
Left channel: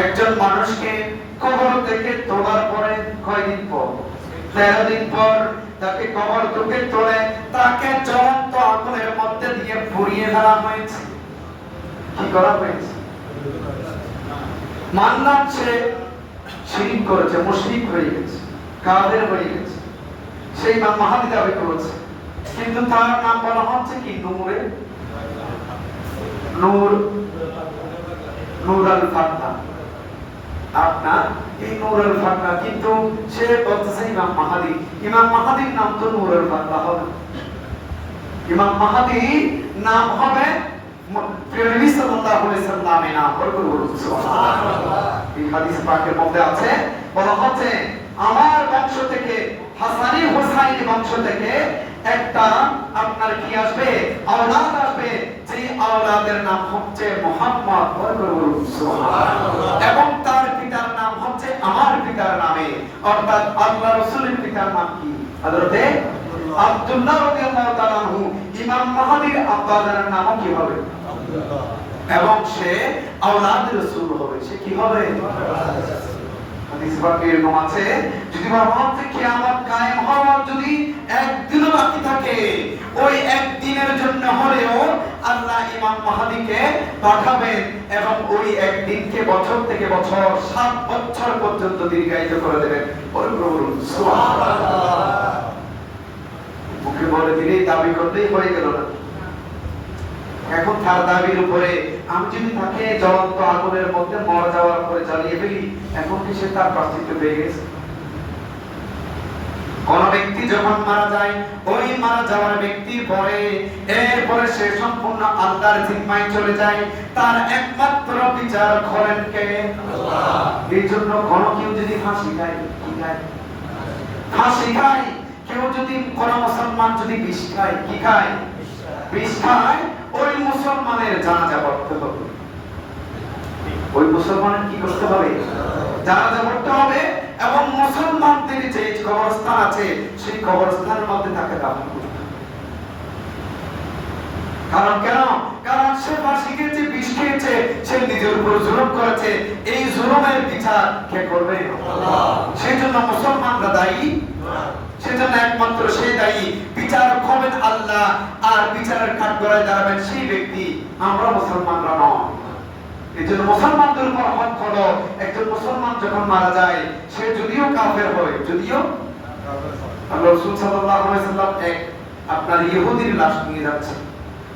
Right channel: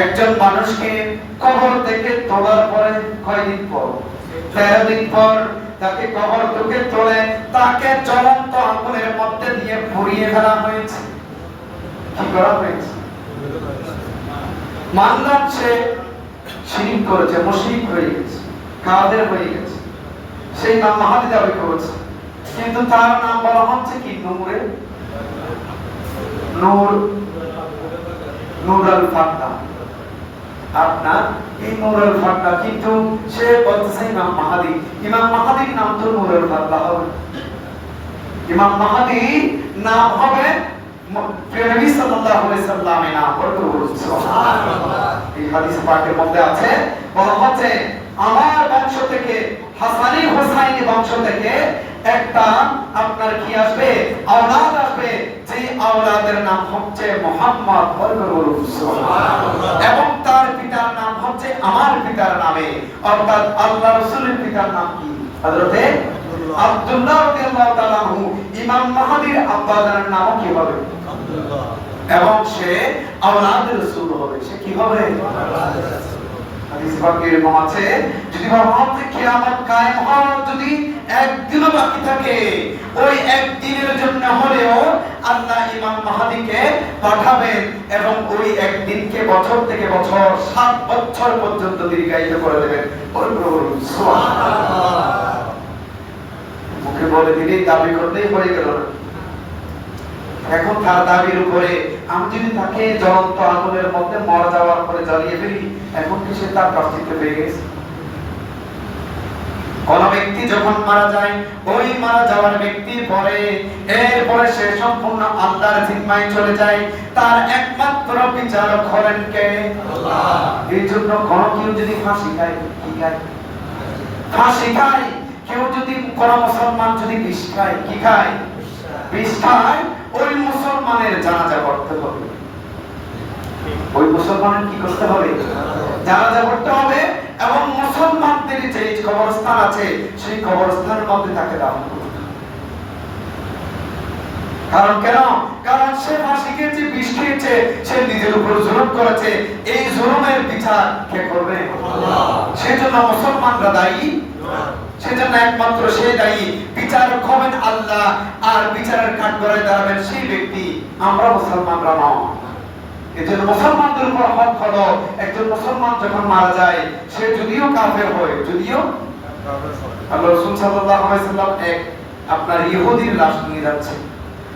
একজন মানুষকে কবর থেকে তোলার পরে কয়দিন পর 13 দিন পর তাকে কবর থেকে তোলে তাকে জ্বলন্ত আগুনের মধ্যে দিয়ে পুড়িয়ে ফেলা হয়েছে। কি করা হয়েছে? মানলাম সে শিরক করেছে, মুশরিক হয়ে গেছে, কাফের হয়ে গেছে, সেই নাম মাহাদি দাবি করেছে, কিন্তু তার নাম বলা হচ্ছে কি নূরে নূর নূরুল ফাতহ। আপনার এই নূরুল ফাতহ, কিন্তু সে বলতেছে ইমাম মাহাদি। ইমাম মাহাদির নাম তো নূরুল ফাতহ হবে, ইমাম মাহাদি নাম হবে নবী সাল্লাল্লাহু আলাইহি সাল্লামের নাম। সুবহানাল্লাহ। এই হাদিস পাকের মধ্যে আছে, বলা হচ্ছে আমার বংশ থেকে হাসানি হুসাইনি বংশ থেকে একটা আপনার কি আসবে, আওলাদ আসবে, যে আওলাদের নাম হচ্ছে মুহাম্মদ। সুবহানাল্লাহ। এবং তার পিতার নাম হচ্ছে আমার পিতার নামে, অর্থাৎ আল্লাহ রাসূলের পিতার নাম কি? হযরত আব্দুল্লাহ রাদিয়াল্লাহু তাআলা আনহু। ইমাম মাহদির আব্বাদের নাম কি হবে? আব্দুল্লাহ। এবং সে আওলাদ রাসূল হবে। সে কি হবে? আওলাদ রাসূল। হাদিস পাকে এরকম আছে, যদি ভাবতে কিয়ামত কায়েম হওয়ার যদি একদিনও বাকি থাকে, ওই একদিনের জন্য হলেও আল্লাহ ইমাম মাহদিকে পাঠাবেন এবং ওই একদিনকে বছর থেকে বছর 7 বছর পর্যন্ত দীর্ঘায়িত করে দেবেন। সুবহানাল্লাহ। মুখে বলে দিলেই দাবি করলেই হয়ে গেল না। এখন তার দাবির উপরে আমি যদি তাকে জ্বলন্ত আগুনের মধ্যে মরে যাওয়ার পরে জ্বালিয়ে ফেলি, এখন কি সে তার প্রায়শ্চিত্ত পেয়ে গেছে? কোন ব্যক্তি যখন মারা যায়, ওই মারা যাওয়ার ব্যক্তির পরে এরপরে সে সম্পূর্ণ আল্লাহর জিম্মায় চলে যায়। তার একমাত্র বিচারক হলেন কে? আল্লাহ। এই জন্য কোন কেউ যদি ফাঁসি খায়, কি খায়? ফাঁসি খায়। কেউ যদি কোন মুসলমান যদি বিষ খায়, কি খায়? বিষ খায়। ওই মুসলমানের জানাজা পড়তে হবে। ওই মুসলমানের কি করতে হবে? জানাজা পড়তে হবে। এবং মুসলমানদের যে কবরস্থান আছে সেই কবরস্থানের মধ্যে তাকে দাফন করতে হবে। কারণ কেন? কারণ সে ফাঁসি খেয়েছে, বিষ খেয়েছে, সে নিজের উপর জুলুম করেছে। এই জুলুমের বিচার কে করবে? আল্লাহ। সেজন্য মুসলমানরা দায়ী, সেজন্য একমাত্র সে দায়ী। বিচারক হবেন আল্লাহ, আর বিচারের কাঠগড়ায় দাঁড়াবেন সেই ব্যক্তি। আমরা মুসলমানরা নয়। এজন্য মুসলমানদের উপর হক হলো, একজন মুসলমান যখন মারা যায়, সে যদিও কাফের হয়, যদিও আল্লাহ রাসূল সাল্লাল্লাহু আলাইহি সাল্লাম এক আপনার ইহুদির লাশ নিয়ে যাচ্ছে,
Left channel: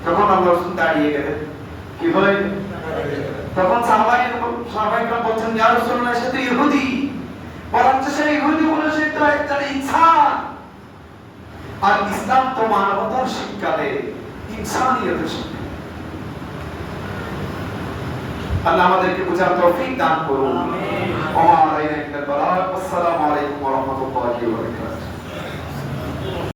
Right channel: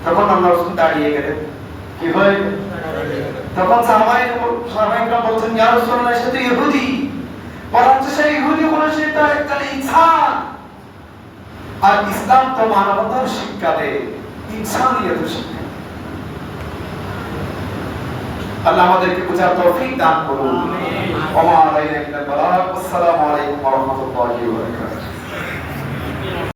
তখন আল্লাহ রাসূল দাঁড়িয়ে গেলেন। কি হয়? তখন সাহাবাইরা বলছেন, ইয়া রাসূলুল্লাহ, সে তো ইহুদি। বরঞ্চ সে ইহুদি হলো, সে তো একজন ইনসান। আর ইসলাম তো মানবতার শিক্ষা দেয়, ইনসানিয়তের শিক্ষা। আল্লাহ আমাদেরকে বুঝার তৌফিক দান করুন। আমিন।